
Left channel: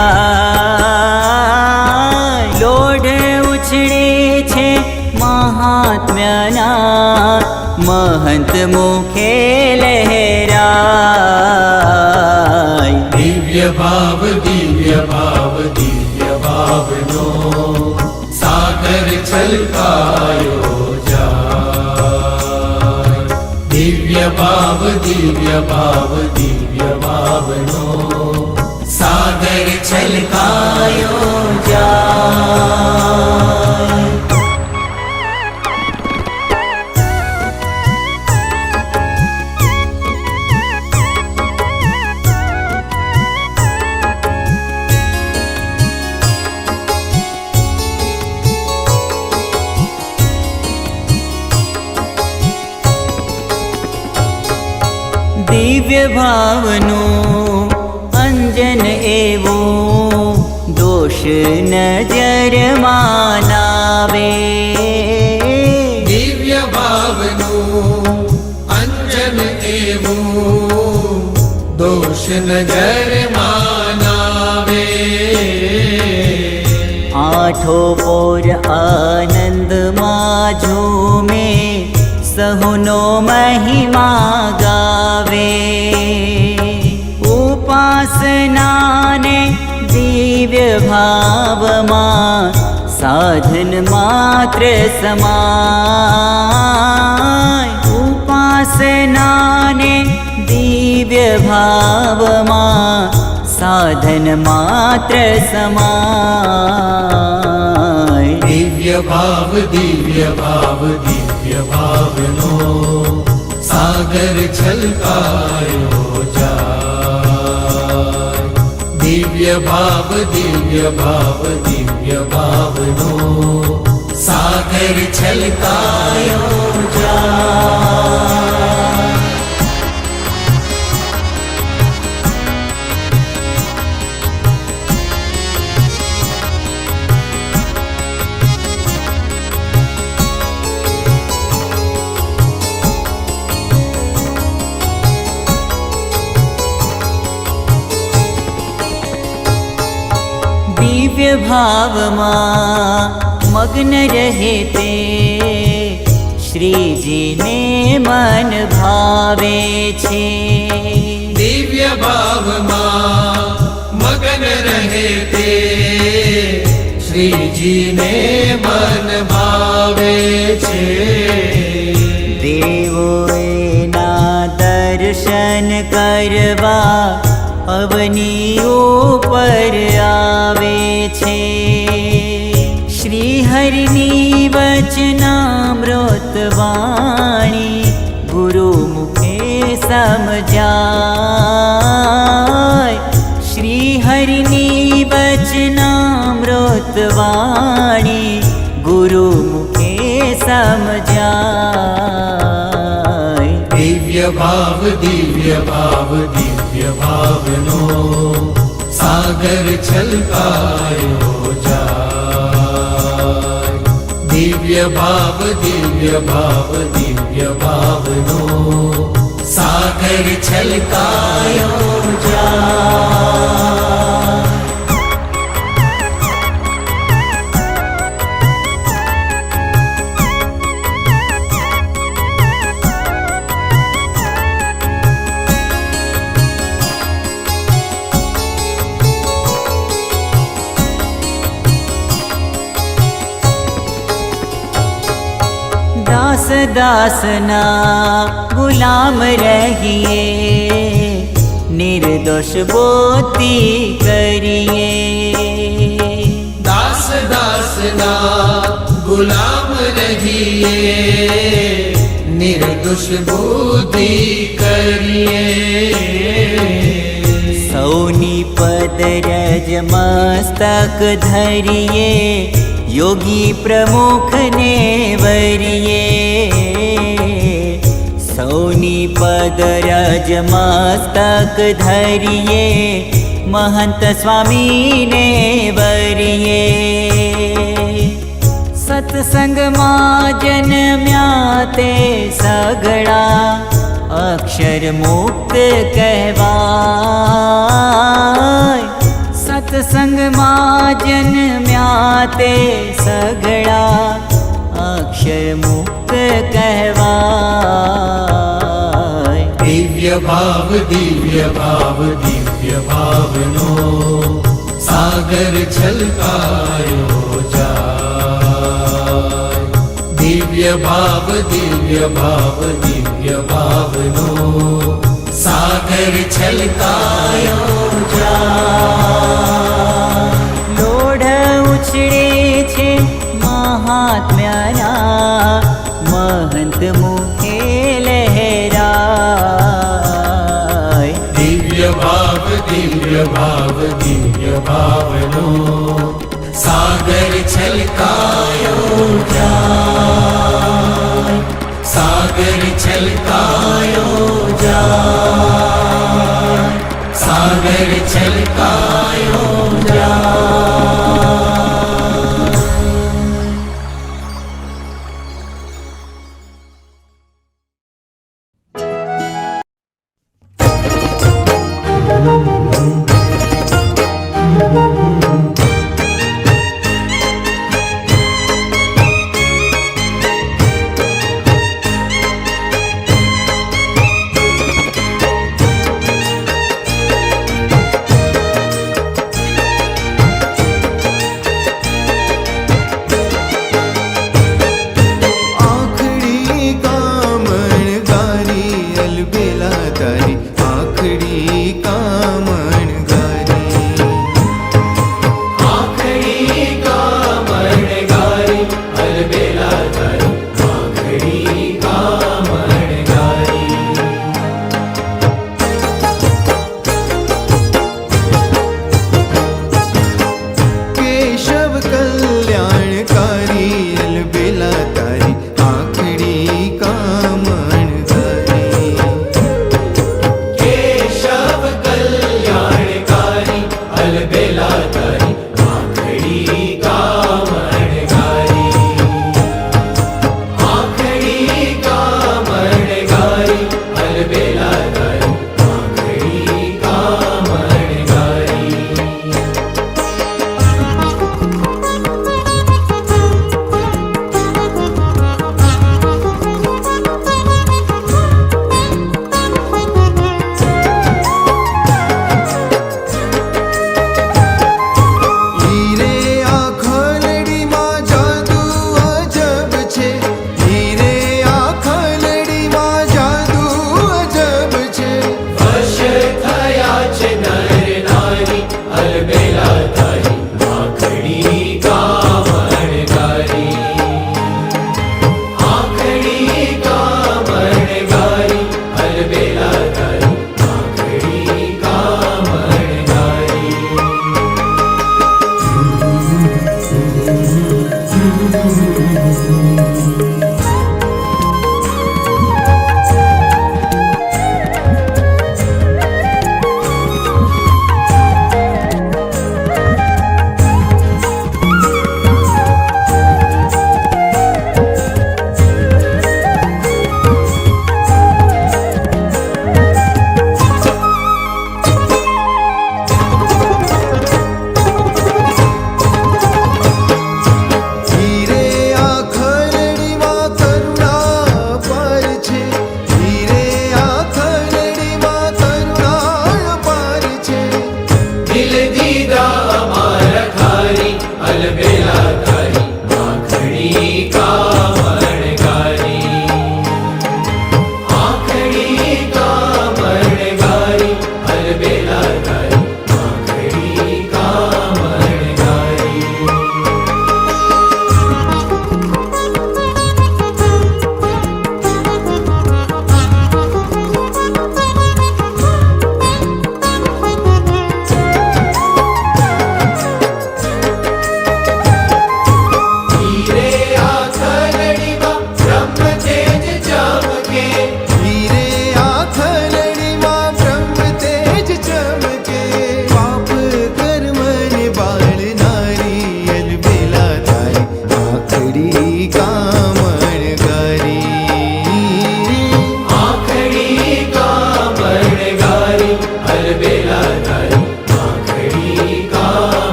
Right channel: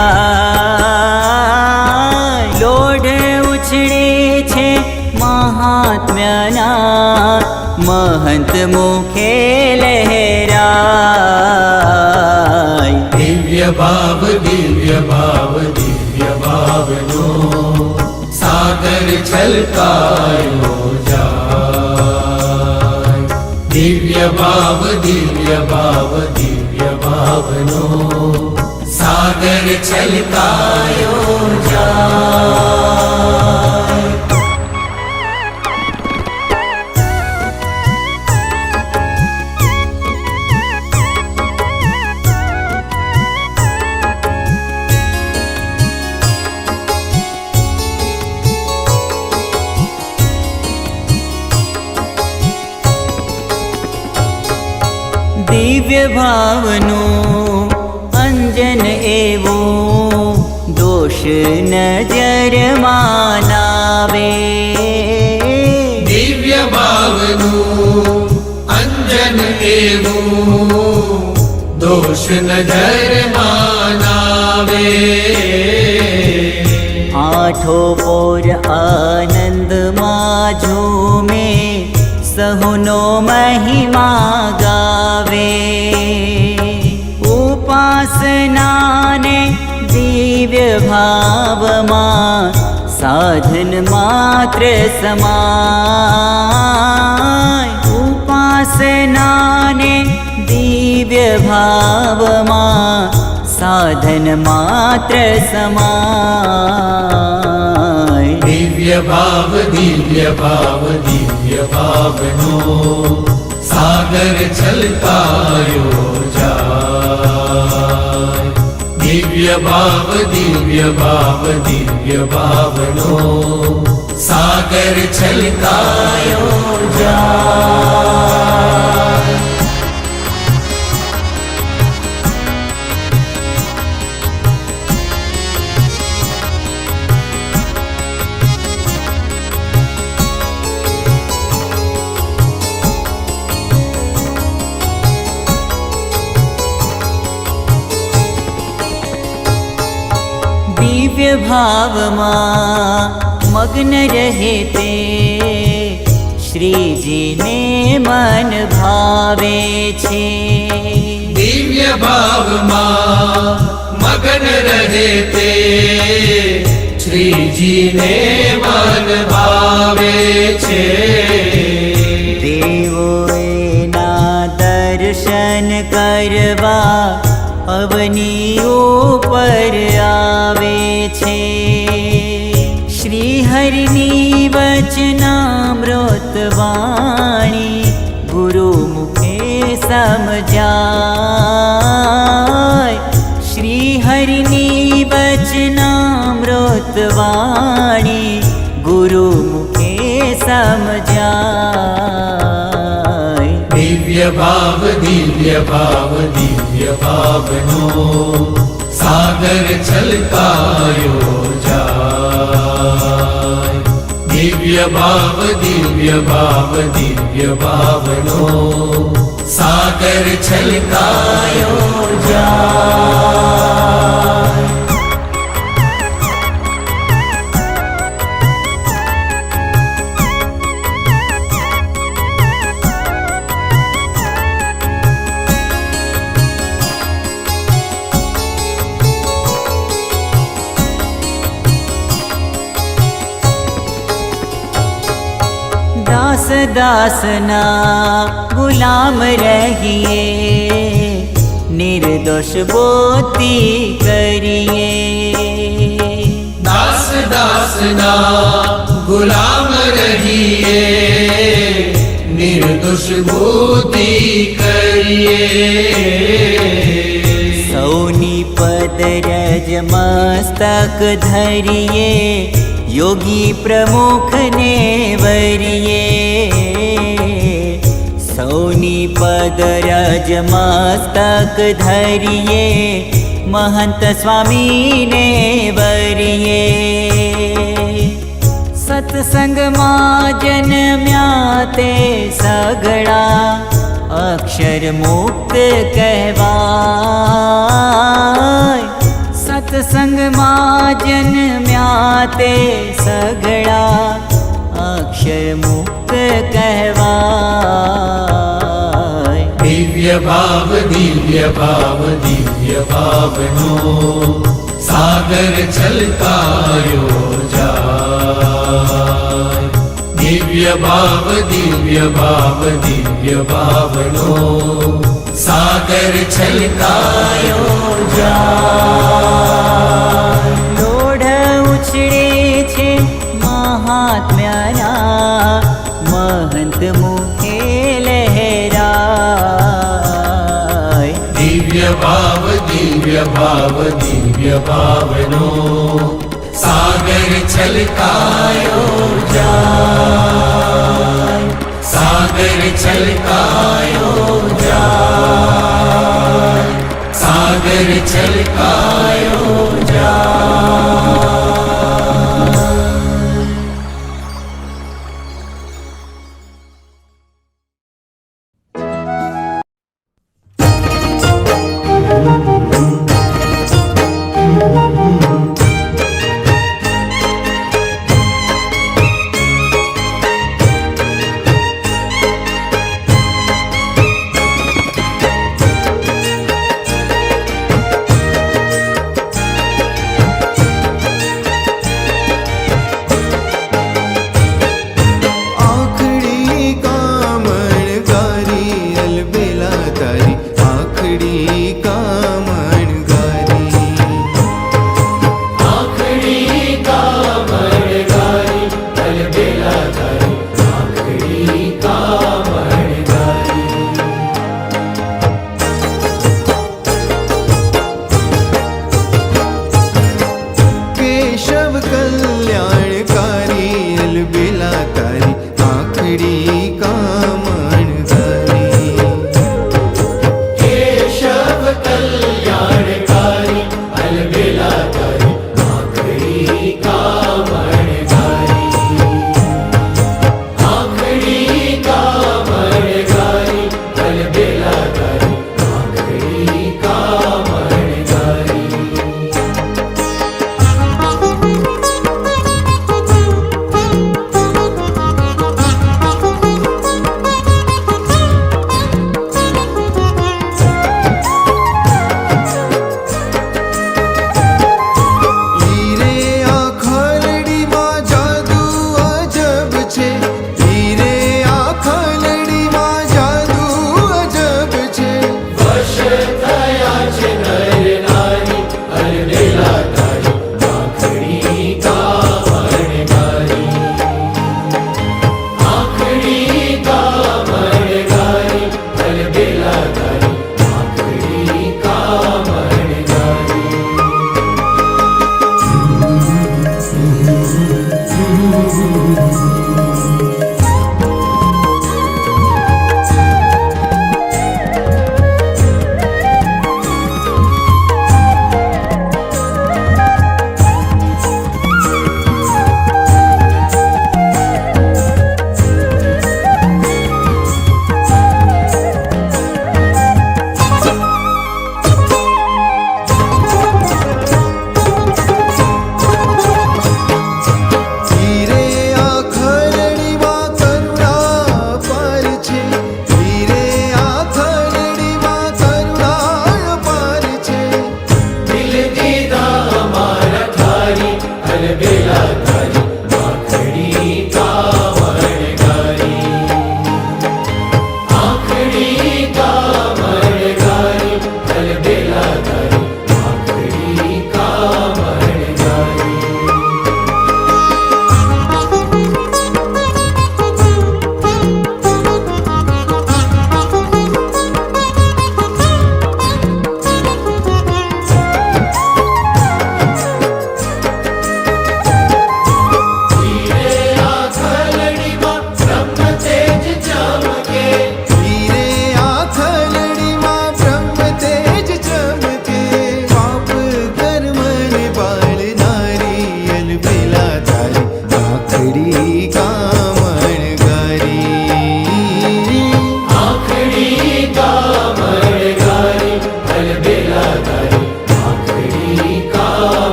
લોઢ ઉછળે છે મહાત્મ્યના, મહંત મુખે લહેરાય. દિવ્ય ભાવનો સાગર છલકાયો જાય. દિવ્ય ભાવનો સાગર છલકાયો જાય. દિવ્ય ભાવનો અંજન એવો દોષ નજરમાં નાવે. દિવ્ય ભાવનું અંજન એવું દોષ નજરમાં નાવે. આઠો પોર આનંદમાં ઝૂમે, સહુનો મહિમા ગાવે. ઉપાસનાને દિવ્ય ભાવમાં સાધન માત્ર સમાય. ઉપાસનાને દિવ્ય ભાવમાં સાધન માત્ર સમાય. દિવ્ય ભાવનો સાગર છલકાયો જાય. દિવ્ય ભાવનો સાગર છલકાયો જાય. દિવ્ય ભાવમાં મગ્ન રહે તે શ્રીજીને મન ભાવે છે. દિવ્ય ભાવમાં મગન રહે તે શ્રીજીને મન ભાવે છે. દેવોના દર્શન કરવા અવની ઉપર આવે છે. શ્રી હરિની વચનામૃત વાણી ગુરુ મુખે સમજાય. શ્રી હરિની વચનામૃત વાણી ગુરુ મુખે સમજાય. દિવ્ય ભાવનો સાગર છલકાયો જાય. દિવ્ય ભાવનો સાગર છલકાયો જાય. દાસ દાસના ગુલામ રહીએ, નિર્દોષ બોતી કરીએ. દાસ દાસના ગુલામ રહીએ, નિર્દોષ બુદ્ધિ કરીએ. સૌની પદરજ મસ્તક ધરીએ, યોગી પ્રમુખને વરીએ. સૌની योनि पदरज मस्तक धरिये महंत स्वामी ने वरिये सत्संग मां जन्म्याते सगड़ा अक्षर मुक्त कहवाय सत्संग मां जन्म्याते सगड़ा अक्षर मुक्त कहवाय दिव्य भाव भावनो सागर छलकायो जाय दिव्य भावनो सागर छलकायो जाय लोढ़ उछळे छे महात्म्याना महंत मुखे लहराय दिव्य भावनो सागर छलकायो जाय सागर छलकायो जाय सागर छलकायो जाय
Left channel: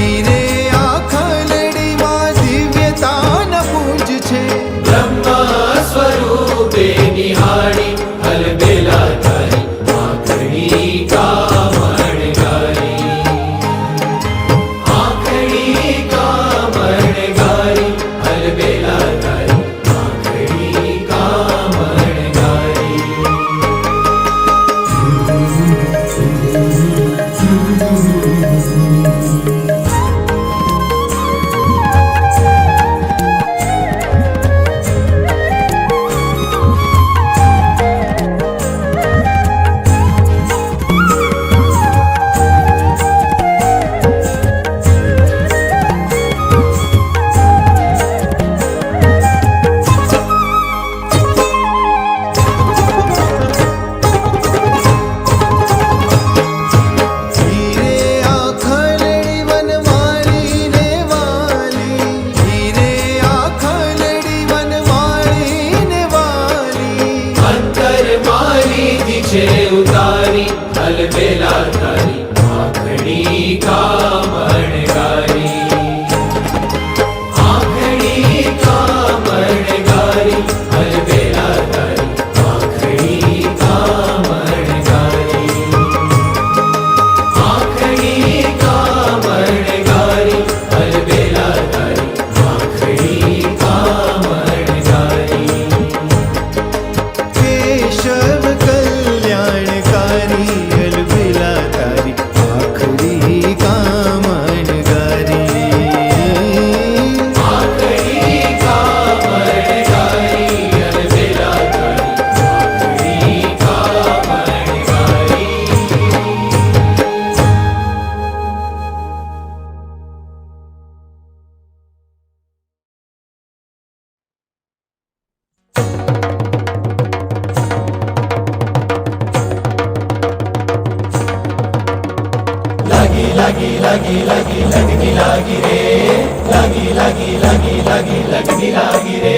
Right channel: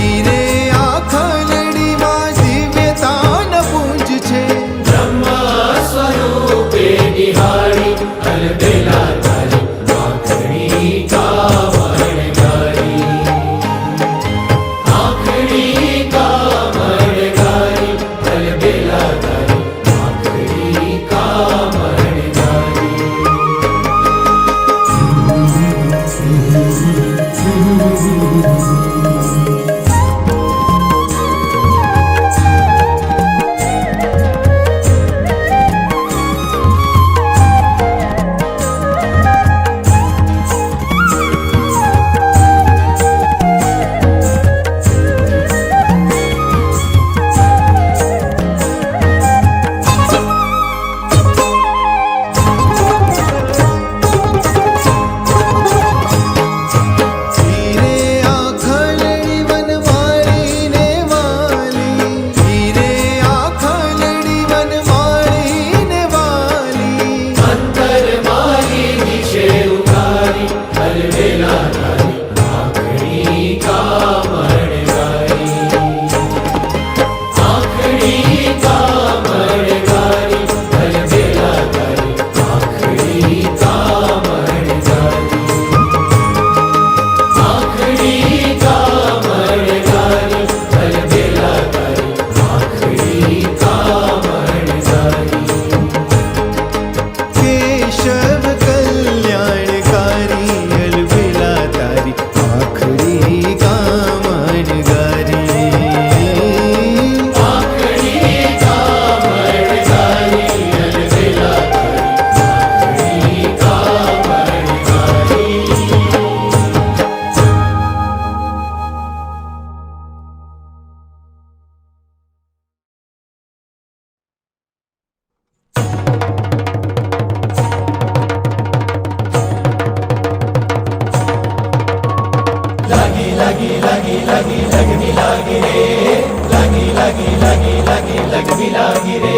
હીરે આ ખલડીમાં દિવ્યતાના પુંજ છે. બ્રહ્મા સ્વરૂપે નિહાળી અલબેલા તારી આંખડી કામણ ગારી. આંખડી કામણ ગારી અલબેલા તારી આંખડી કામણ ગારી. હીરે આ ખલડી વનમાળીને વાલી. હીરે આ ખલડી વનમાળીને વાલી. અંતર મારી દિશે ઉતારી અલબેલા તારી આંખડી કામણ ગારી. આંખડી કામણ ગારી અલબેલા તારી આંખડી કામણ ગારી. આંખડી કામણ ગારી અલબેલા તારી આંખડી કામણ ગારી. કેશવ કલ્યાણકારી અલબેલા તારી આખરી કામણ ગારી. આંખડી કામણ ગારી અલબેલા તારી આંખડી કામણ ગારી. લાગી લાગી લાગી લાગી લગની લાગી રે. લાગી લાગી લાગી લાગી લગની લાગી રે.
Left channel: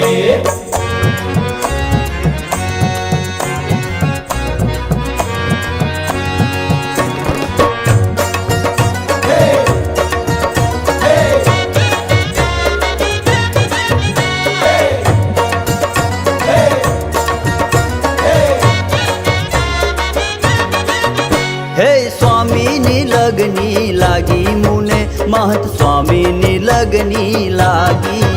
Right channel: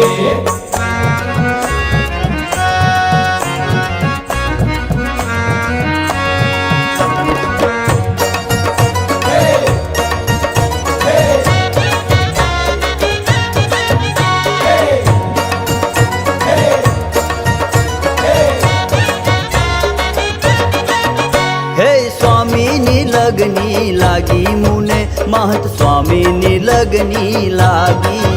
હે સ્વામીની લગની લાગી મુને મહંત સ્વામીની લગની લાગી.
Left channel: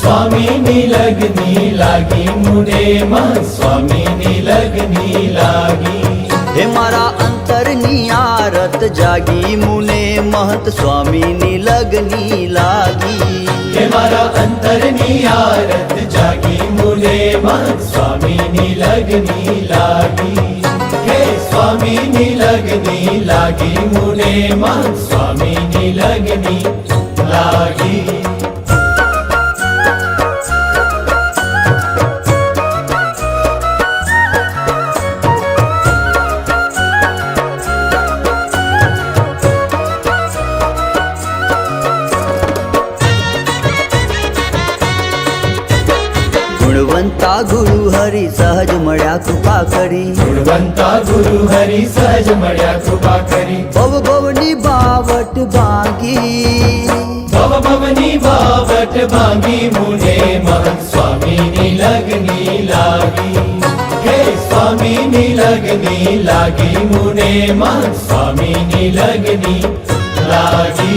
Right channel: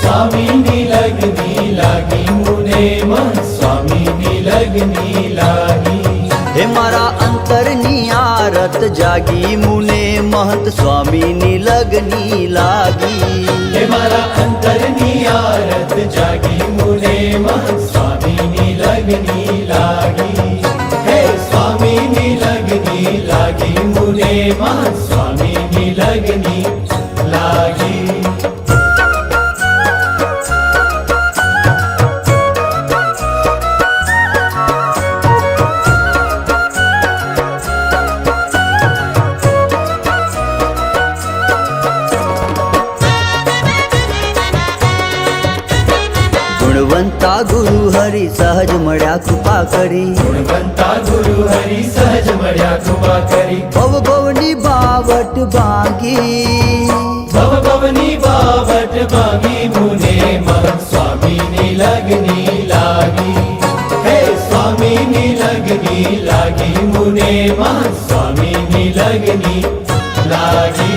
સ્વામીની લગની લાગી મુને મહંત સ્વામીની લગની લાગી. હે મારા અંતરની આરત જાગી મુને મહંત સ્વામીની લગની લાગી. હે મારા અંતરની આરત જાગી મુને મહંત સ્વામીની લગની લાગી. હે સ્વામીની લગની લાગી મુને મહંત સ્વામીની લગની લાગી. ગુણવંતા ગુરુ હરિ સહજ મળ્યા કૃપા કરી. ગુણવંતા ગુરુ હરિ સહજ મળ્યા કૃપા કરી. ભવ ભવની બાવટ ભાંગી. ભવ ભવની બાવટ ભાંગી મુને મહંત સ્વામીની લગની લાગી. હે સ્વામીની લગની લાગી મુને મહંત સ્વામીની લગની લાગી.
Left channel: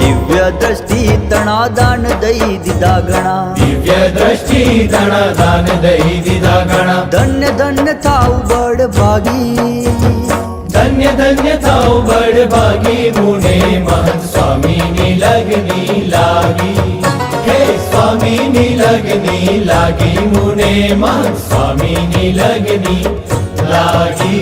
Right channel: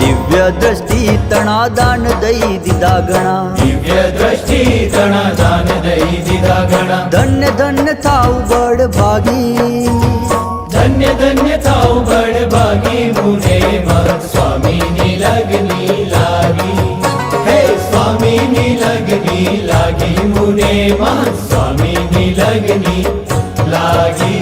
દિવ્ય દ્રષ્ટિ તણા દાન દઈ દીધા ગણા. દિવ્ય દ્રષ્ટિ ધણા દાન દઈ દીધા ગણા. ધન્ય ધન્ય થાવ બળ ભાગી. ધન્ય ધન્ય થાવ બળ ભાગી મુને મહંત સ્વામીની લગની લાગી. હે સ્વામીની લગની લાગી મુને મહંત સ્વામીની લગની લાગી.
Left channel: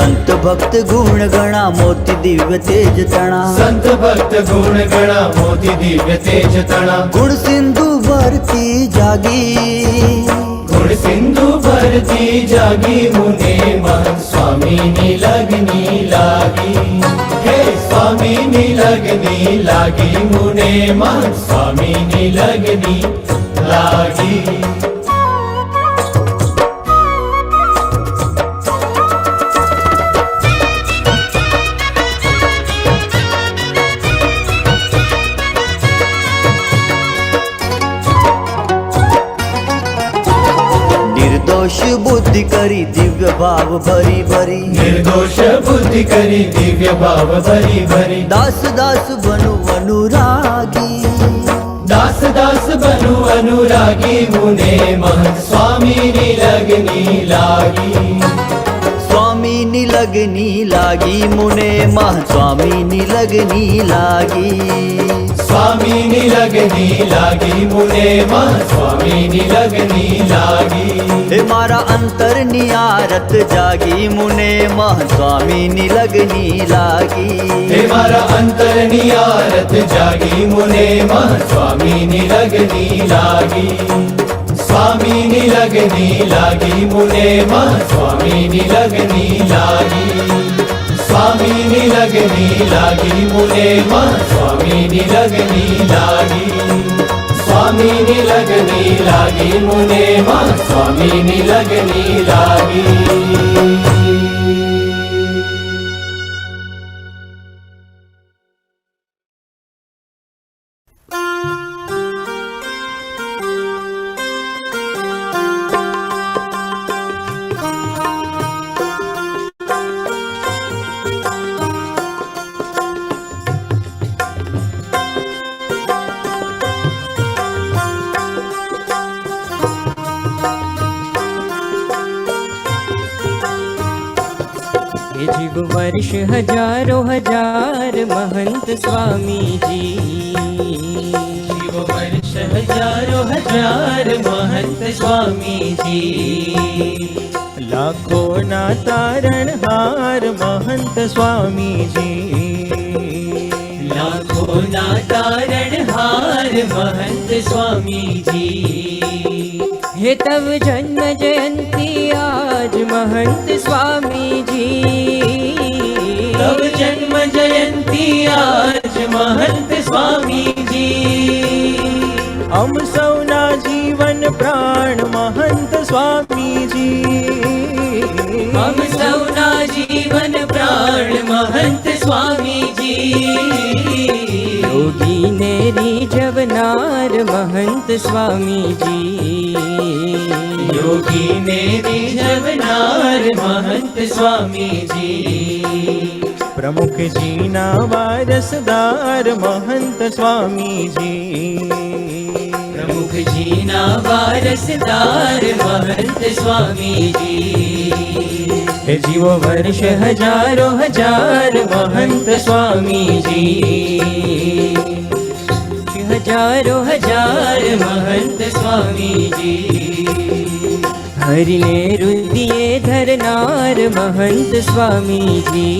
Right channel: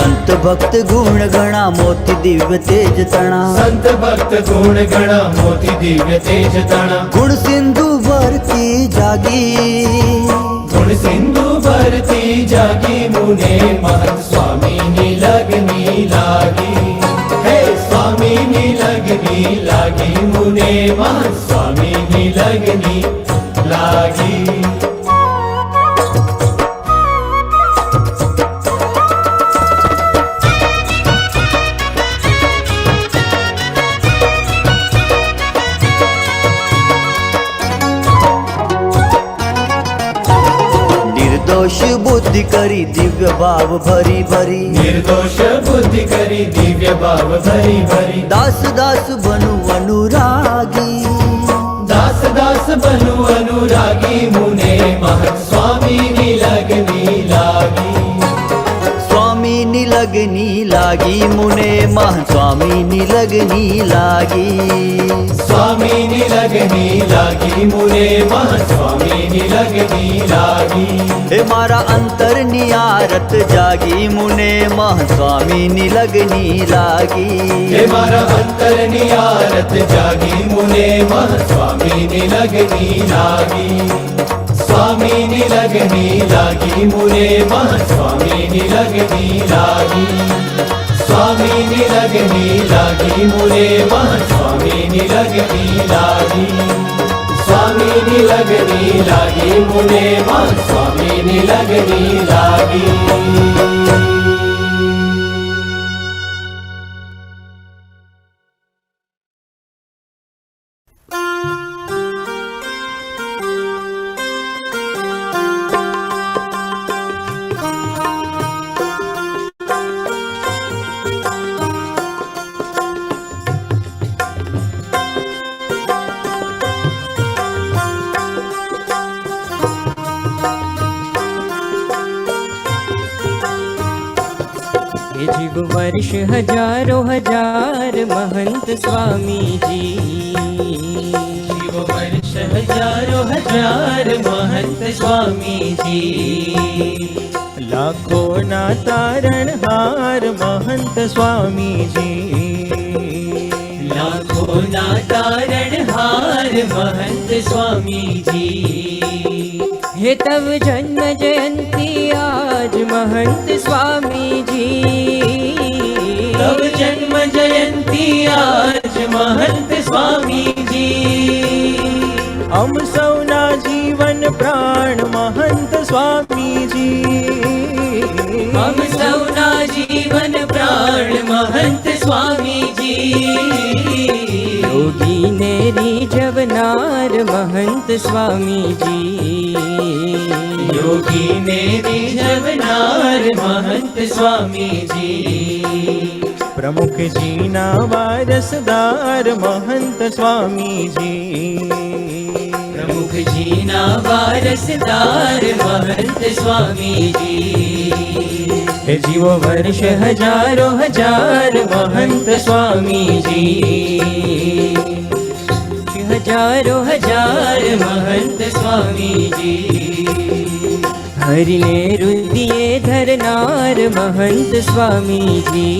સંત भक्त गुण गणा मोती दिव्य तेज तणा संत भक्त गुण गणा मोती दिव्य तेज तणा गुण सिंधु भरती जागी गुण सिंधु भरती जागी मुने महंत स्वामी नी लगनी लागी हे स्वामी नी लगनी लागी मुने महंत स्वामी नी लगनी लागी निर्दोष बुद्धि करी दिव्य भाव भरी भरी निर्दोष बुद्धि करी दिव्य भाव भरी भरी दास दास बनु अनुरागी दास दास बनु अनुरागी मुने महंत स्वामी नी लगनी लागी स्वामी नी लगनी लागी मुने मह स्वामी नी लगनी लागी स्वामी नी लगनी लागी मुने महंत स्वामी नी लगनी लागी हे मारा अंतर नियारत जागी मुने मह स्वामी नी लगनी लागी हे मारा अंतर नियारत जागी मुने महंत स्वामी नी लगनी लागी स्वामी नी लगनी लागी मुने महंत स्वामी नी लगनी लागी स्वामी नी लगनी लागी मुने महंत स्वामी नी लगनी लागी स्वामी नी लगनी लागी मुने महंत स्वामी नी लगनी लागी ये जीव वर्ष हजारों हजार महंत स्वामी जी जीव वर्ष हजारों हजार महंत स्वामी जी लाखों ना तारणहार महंत स्वामी जी लाखों ना तारणहार महंत स्वामी जी हे तव जन्म जयंती आज महंत स्वामी जी तव जन्म जयंती आज महंत स्वामी जी हम सौना जीवन प्राण महंत स्वामी जी हम सौना जीवन प्राण महंत स्वामी जी योगी ने रिझवनार महंत स्वामी जी योगी ने रिझवनार महंत स्वामी जी प्रमुख जी ना वारसदार महंत स्वामी जी प्रमुख जी ना वारसदार महंत स्वामी जी हे जीवो वर्ष हजारों हजार महंत स्वामी जी हजारों हजार महंत स्वामी जी हरिने रुदिए धरनार महंत स्वामी जी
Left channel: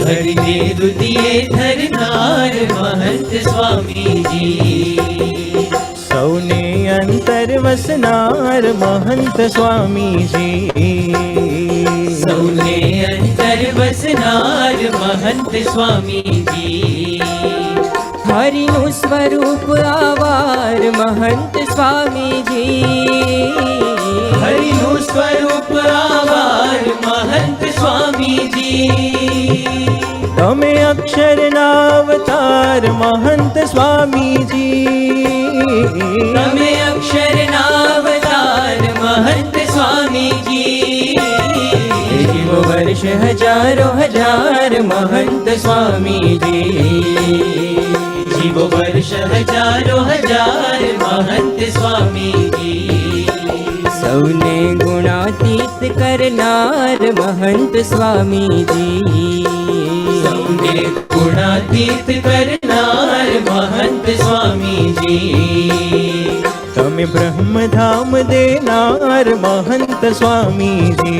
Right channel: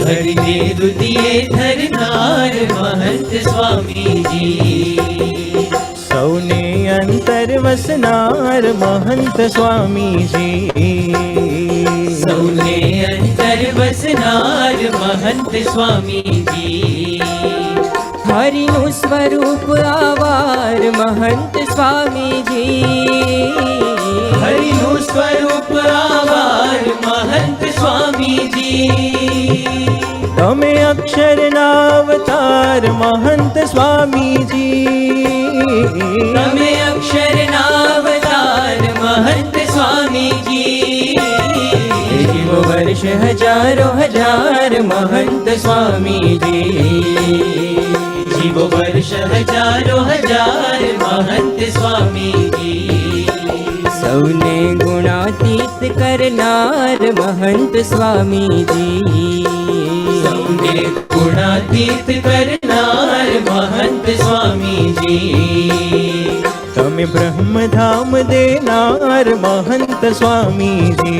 हरिने रुदिए धरनार महंत स्वामी जी सौने अंतर वसनार महंत स्वामी जी सौने अंतर वसनार महंत स्वामी जी हरिनु स्वरूप आवार महंत स्वामी जी हरिनु स्वरूप आवार महंत स्वामी जी तमे अक्षर नावतार महंत स्वामी जी तमे अक्षर नावतार महंत स्वामी जी जीव वर्ष हजारों हजार महंत स्वामी जी जीव वर्ष हजारों हजार महंत स्वामी जी सौने गुणातीत करनार महंत स्वामी जी सौने गुणातीत करनार महंत स्वामी जी तमे ब्रह्म धाम देनार महंत स्वामी जी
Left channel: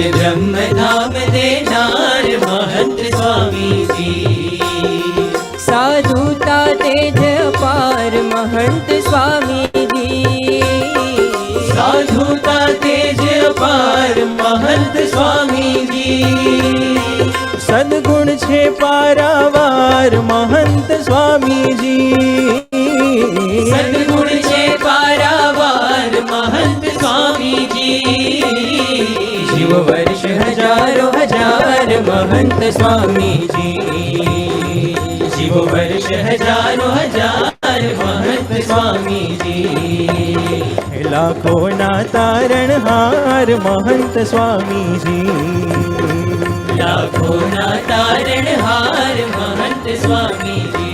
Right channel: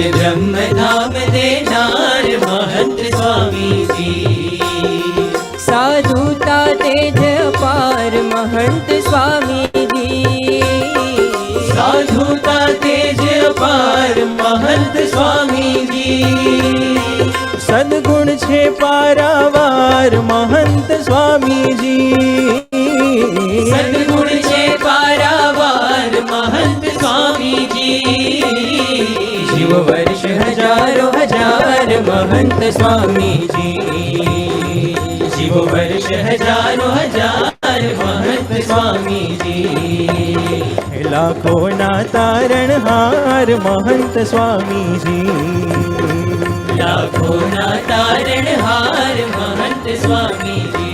हमें ब्रह्म धाम देनार महंत स्वामी जी। साधुता तेज अपार महंत स्वामी जी। साधुता तेज अपार महंत स्वामी जी। સદગુણ છે પારાવાર મહંત સ્વામીજી સદગુણ છે પારાવાર महंत स्वामी जी। जीव वर्ष हजारों हजार महंत स्वामी जी। जीव वर्ष हजारों हजार महंत स्वामी जी। લાખોના તારણહાર મહંત સ્વામીજી लाखों ना तारणहार महंत स्वामी जी।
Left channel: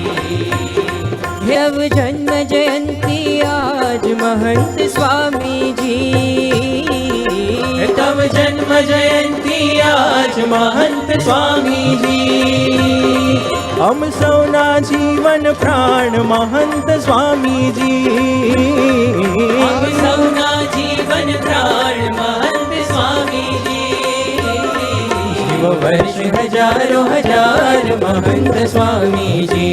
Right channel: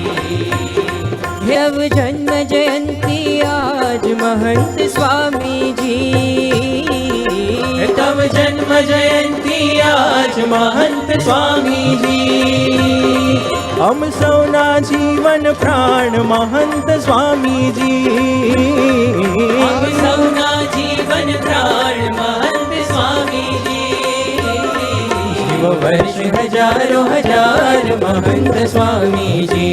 नव जन्म जयंती आज महंत स्वामी जी। तब जन्म जयंती आज महंत स्वामी जी। અમ સૌના જીવન પ્રાણ મહંત સ્વામીજી हम सौना जीवन प्राण महंत स्वामी जी। जीव वर्ष हजारों हजार महंत स्वामी जी।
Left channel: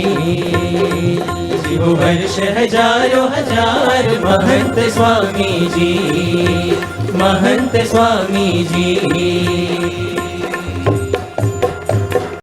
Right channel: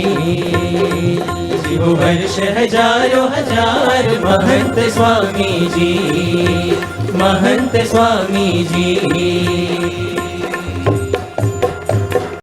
जीव वर्ष हजारों हजार महंत स्वामी जी। महंत स्वामी जी।